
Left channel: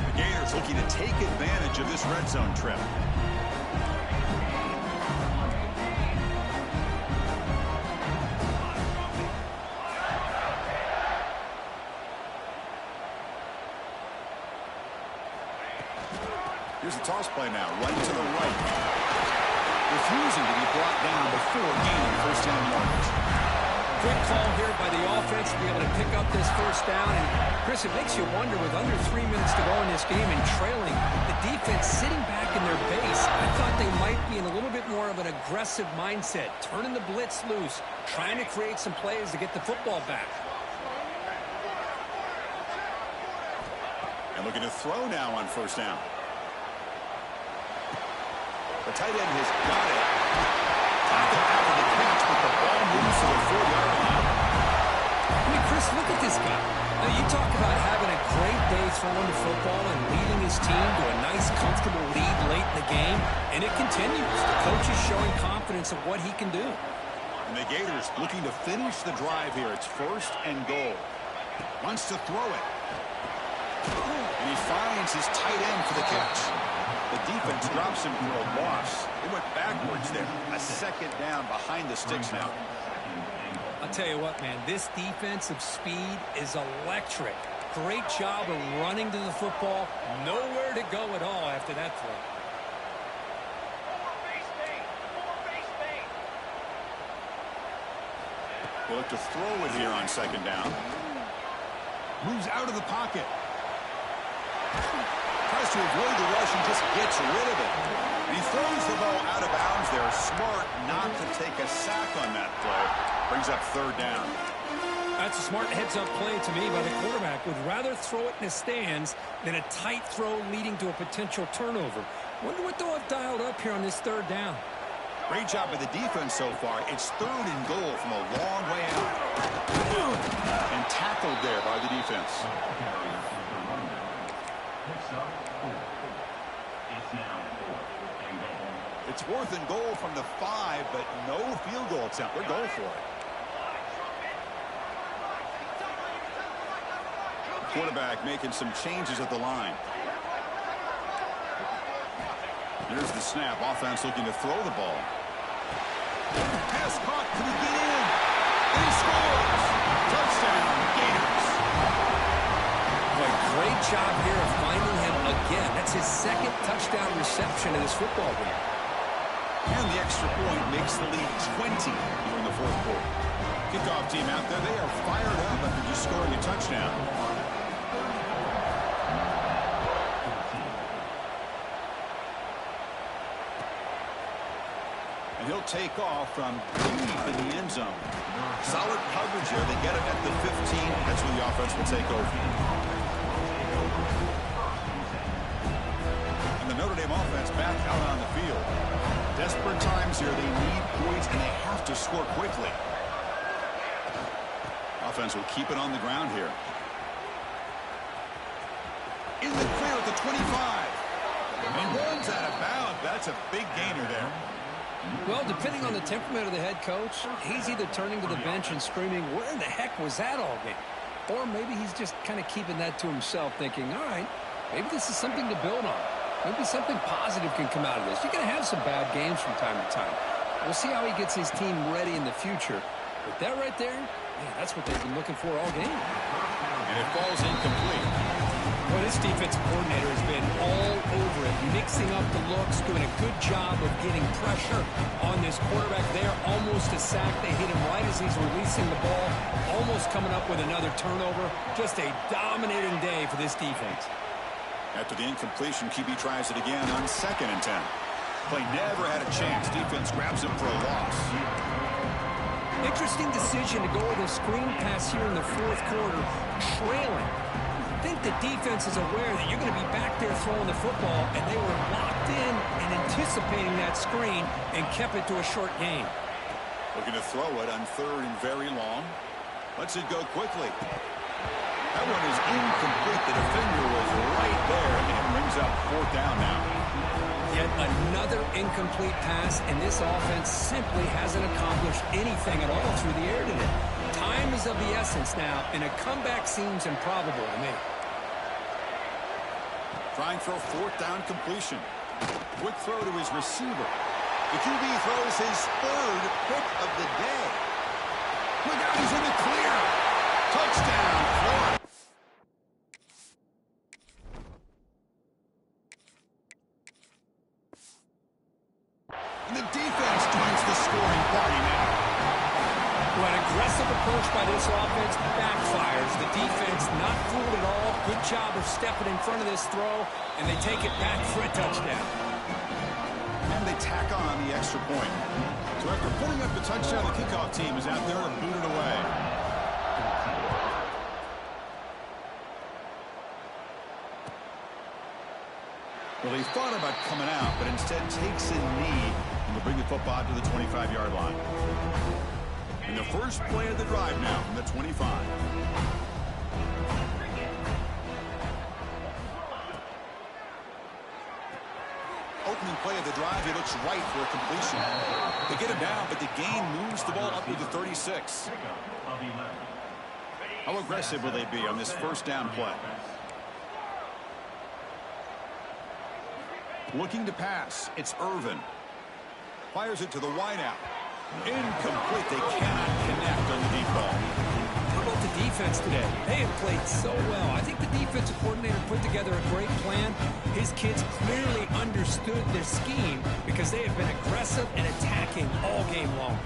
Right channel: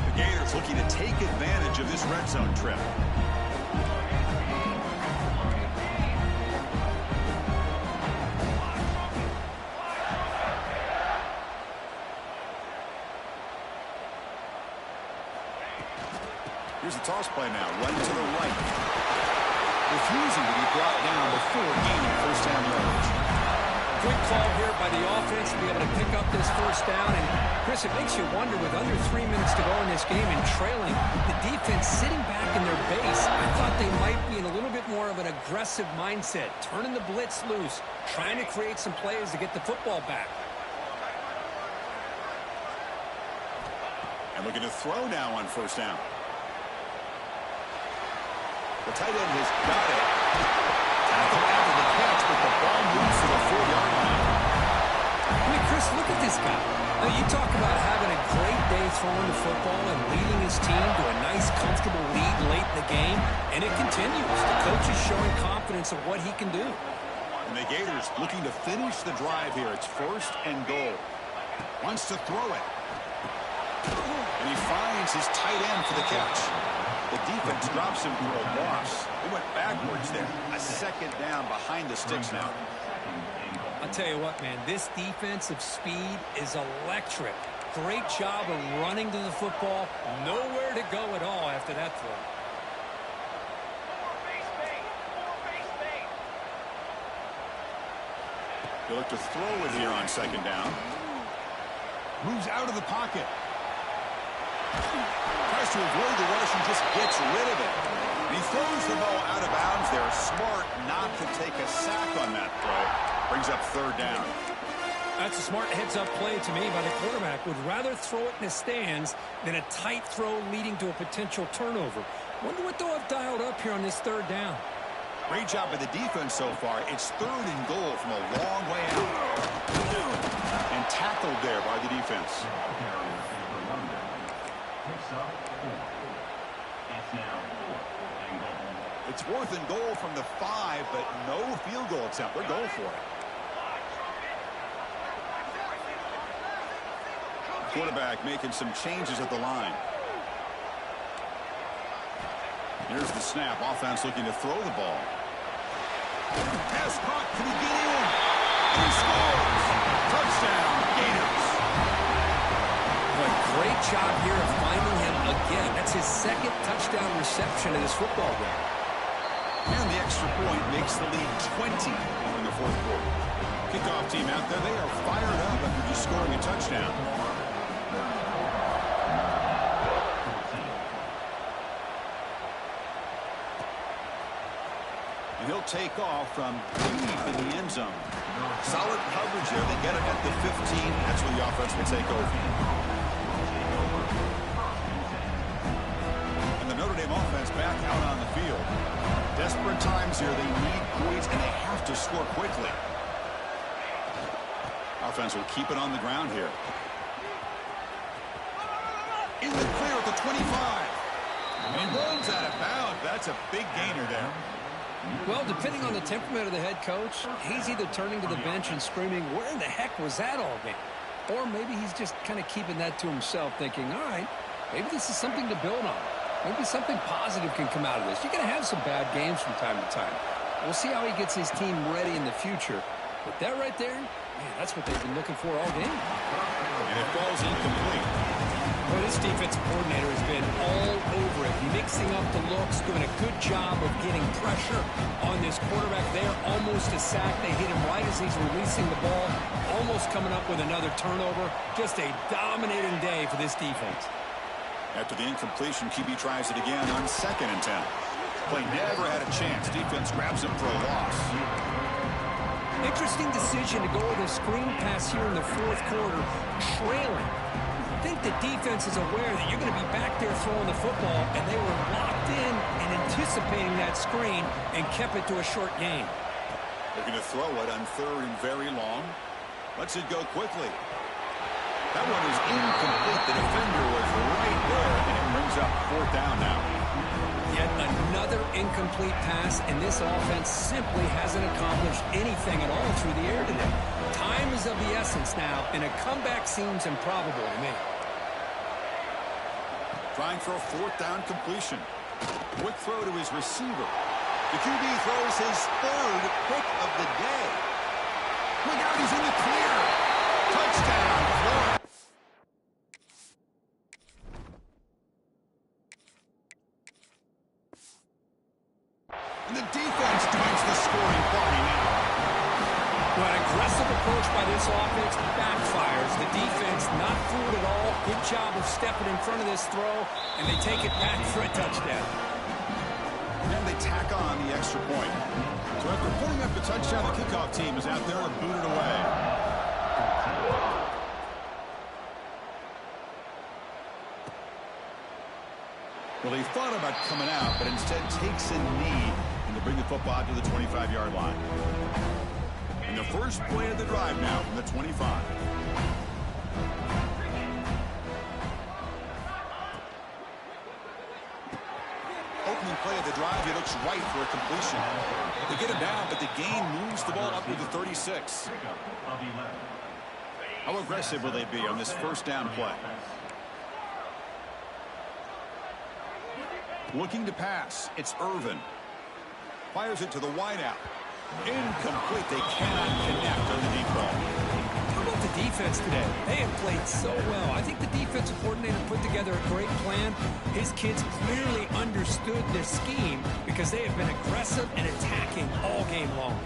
The Gators looking to take advantage of this red zone trip. Here's the toss play now, right to the right. Refusing to be brought down before gaining first down yardage. Quick call here by the offense to be able to pick up this first down. And, Chris, it makes you wonder, with under 3 minutes to go in this game and trailing, the defense sitting back in their base. I thought they might be in a little bit more of an aggressive mindset, turning the blitz loose, trying to create some plays to get the football back. And looking to throw now on first down. The tight end has got it. Tackle after the catch, but the ball moves to the 4-yard line. I mean, Chris, look at this guy. Now, you talk about having a great day throwing the football and leading his team to a nice, comfortable lead late in the game, and it continues. The coach is showing confidence of what he can do. And the Gators looking to finish the drive here. It's first and goal. Wants to throw it. And he finds his tight end for the catch. The defense drops him for a loss. They went backwards there. A second down behind the sticks now. I'll tell you what, man, this defensive speed is electric. Great job of running to the football. Nowhere to go at all after that throw. He'll look to throw it here on second down. Moves out of the pocket. Tries to avoid the rush and just gets rid of it. And he throws the ball out of bounds there. Smart not to take a sack on that play. Brings up third down. That's a smart heads-up play to me by the quarterback. Would rather throw it in the stands than a tight throw leading to a potential turnover. Wonder what they'll have dialed up here on this third down. Great job by the defense so far. It's third and goal from a long way out. And tackled there by the defense. It's 4th and goal from the 5, but no field goal attempt. They're going for it. Quarterback making some changes at the line. Here's the snap. Offense looking to throw the ball. Pass caught. Can he get in? And he scores. Touchdown, Gators. Boy, great job here of finding him again. That's his second touchdown reception in this football game. And the extra point makes the lead 20 here in the 4th quarter. Kickoff team out there. They are fired up after just scoring a touchdown. And he'll take off from deep in the end zone. Solid coverage here. They get it at the 15. That's where the offense will take over. And the Notre Dame offense back out on the field. Desperate times here. They need points, and they have to score quickly. Offense will keep it on the ground here. In the clear at the 25. And he runs out of bounds. That's a big gainer there. Well, depending on the temperament of the head coach, he's either turning to the bench and screaming, where in the heck was that all game? Or maybe he's just kind of keeping that to himself, thinking, all right, maybe this is something to build on. Maybe something positive can come out of this. You're going to have some bad games from time to time. We'll see how he gets his team ready in the future. But that right there, man, that's what they've been looking for all game. And it falls incomplete. Well, this defensive coordinator has been all over it, mixing up the looks, doing a good job of getting pressure on this quarterback there. Almost a sack. They hit him right as he's releasing the ball, almost coming up with another turnover. Just a dominating day for this defense. After the incompletion, QB tries it again on 2nd and 10. Play never had a chance. Defense grabs him for a loss. Interesting decision to go with a screen pass here in the 4th quarter, trailing. I think the defense is aware that you're going to be back there throwing the football, and they were locked in and anticipating that screen and kept it to a short gain. Looking to throw it on 3rd and very long. Lets it go quickly. That one is incomplete. The defender was right there, and it brings up 4th down now. Yet another incomplete pass, and this offense simply hasn't accomplished anything at all through the air today. Time is of the essence now, and a comeback seems improbable to me. Trying for a 4th down completion. Quick throw to his receiver. The QB throws his 3rd pick of the day. Look out, he's in the clear. Touchdown, Florida. And the defense joins the scoring party now. Well, an aggressive approach by this offense backfires. The defense not fooled at all. Good job of stepping in front of this throw, and they take it back for a touchdown. And they tack on the extra point. So after putting up the touchdown, the kickoff team is out there to boot it away. Well, he thought about coming out, but instead takes a knee and to bring the football to the 25-yard line. And the first play of the drive now from the 25. Opening play of the drive, he looks right for a completion. They get him down, but the gain moves the ball up to the 36. How aggressive will they be on this 1st down play? Looking to pass. It's Irvin. Fires it to the wideout. Incomplete. They cannot connect on the deep ball. How about the defense today? They have played so well. I think the defensive coordinator put together a great plan. His kids clearly understood their scheme because they have been aggressive and attacking all game long.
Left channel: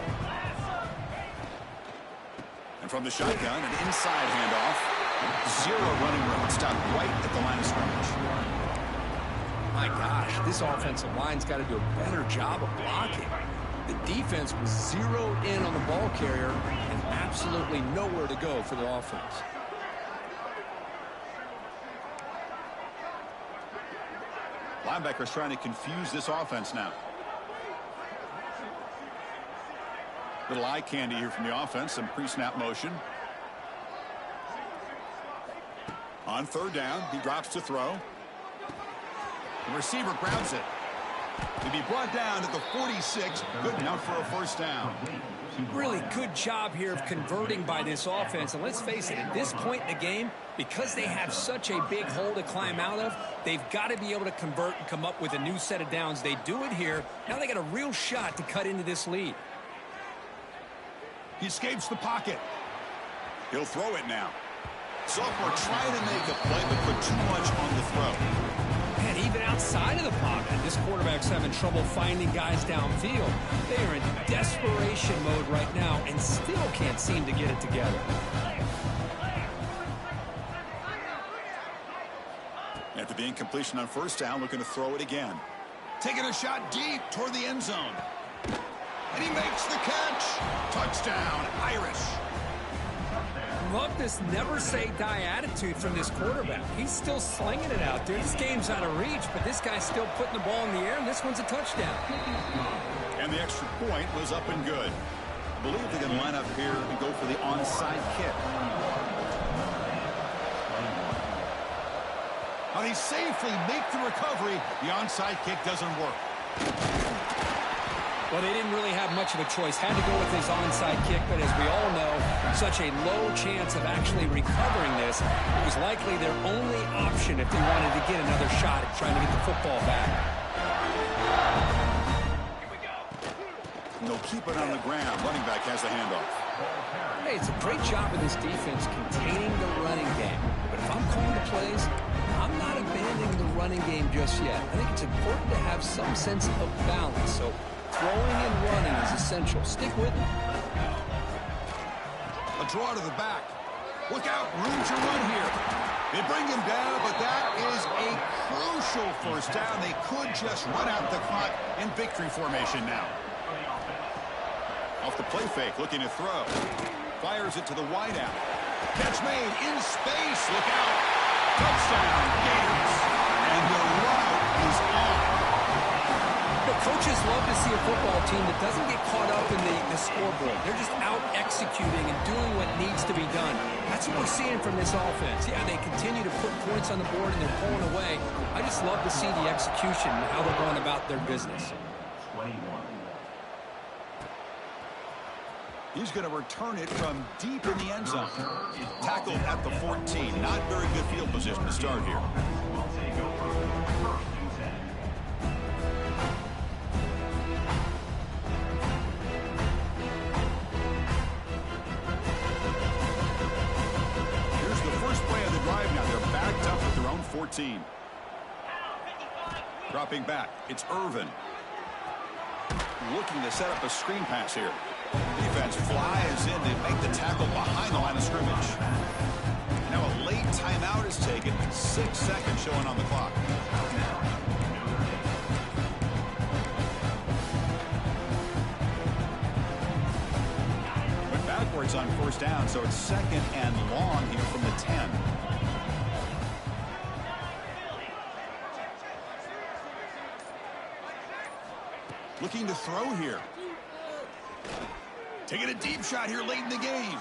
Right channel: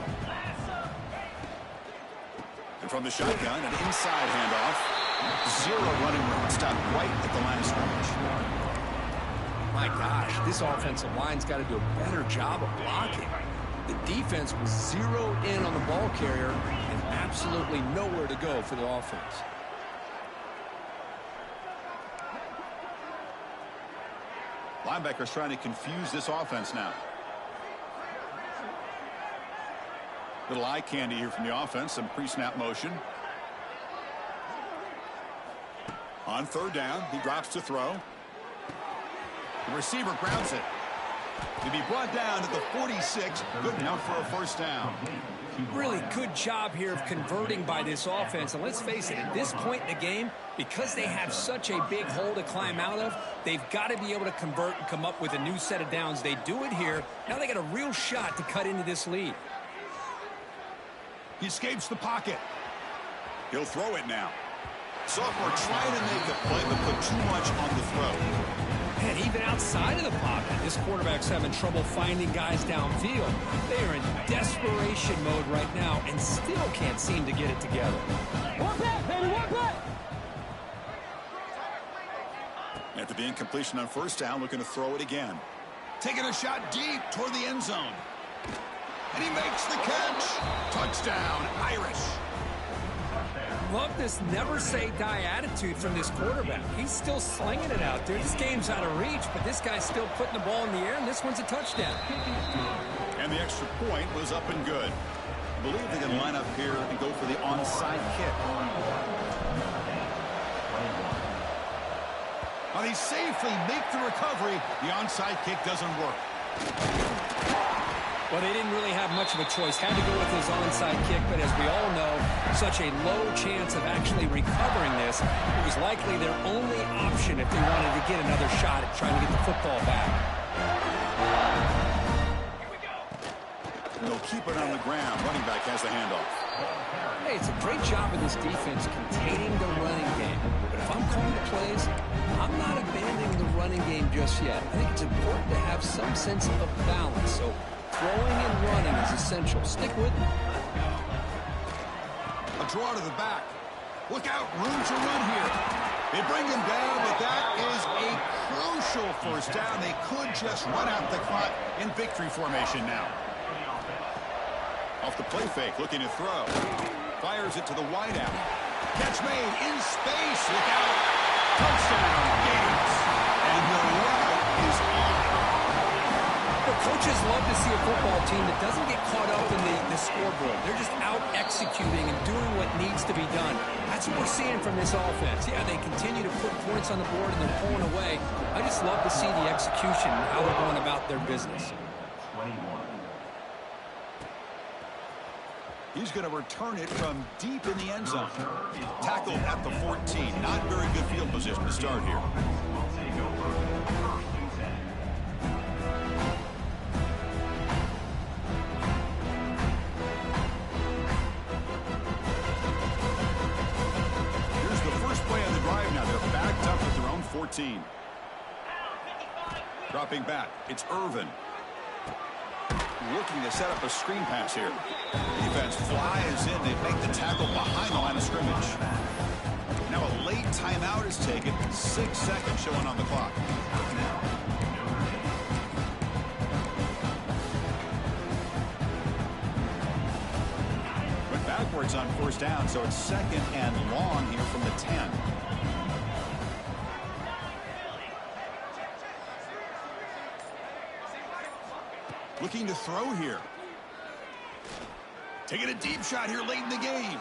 And from the shotgun, an inside handoff. Zero running room. Stopped right at the line of scrimmage. My gosh, this offensive line's got to do a better job of blocking. The defense was zeroed in on the ball carrier and absolutely nowhere to go for the offense. Linebackers trying to confuse this offense now. Little eye candy here from the offense. Some pre-snap motion. On third down, he drops to throw. The receiver grabs it. To be brought down to the 46. Good enough for a first down. Really good job here of converting by this offense. And let's face it, at this point in the game, because they have such a big hole to climb out of, they've got to be able to convert and come up with a new set of downs. They do it here. Now they got a real shot to cut into this lead. He escapes the pocket. He'll throw it now. Sophomore trying to make a play, but put too much on the throw. And even outside of the pocket, this quarterback's having trouble finding guys downfield. They are in desperation mode right now and still can't seem to get it together. After the incompletion on first down, looking to throw it again. Taking a shot deep toward the end zone. And he makes the catch. Touchdown, Irish. Love this never-say-die attitude from this quarterback. He's still slinging it out there. This game's out of reach, but this guy's still putting the ball in the air, and this one's a touchdown. And the extra point was up and good. I believe they can line up here and go for the onside kick. Now they safely make the recovery. The onside kick doesn't work. Well, they didn't really have much of a choice. Had to go with his onside kick, but as we all know, such a low chance of actually recovering this. It was likely their only option if they wanted to get another shot at trying to get the football back. Here we go. They'll keep it on the ground. Running back has the handoff. Hey, it's a great job of this defense containing the running game. But if I'm calling the plays, I'm not abandoning the running game just yet. I think it's important to have some sense of balance. So throwing and running is essential. Stick with it. A draw to the back. Look out, room to run here. They bring him down, but that is a crucial first down. They could just run out the clock in victory formation now. Off the play fake, looking to throw. Fires it to the wideout. Catch made in space. Look out. Touchdown, Gators. And the route is on. You know, coaches love to see a football team that doesn't get caught up in the scoreboard. They're just out executing and doing what needs to be done. That's what we're seeing from this offense. Yeah, they continue to put points on the board and they're pulling away. I just love to see the execution and how they're going about their business. 21. He's going to return it from deep in the end zone. Tackled at the 14. Not very good field position to start here. Here's the first play of the drive now. They're backed up at their own 14. Dropping back. It's Irvin. Looking to set up a screen pass here. Defense flies in to make the tackle behind the line of scrimmage. Now a late timeout is taken. 6 seconds showing on the clock. Went backwards on first down, so it's second and long here from the 10. Looking to throw here. Taking a deep shot here late in the game.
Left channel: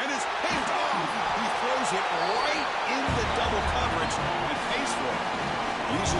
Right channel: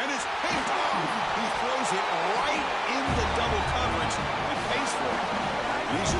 And it's picked off. He throws it right into double coverage and pays for it. And he's just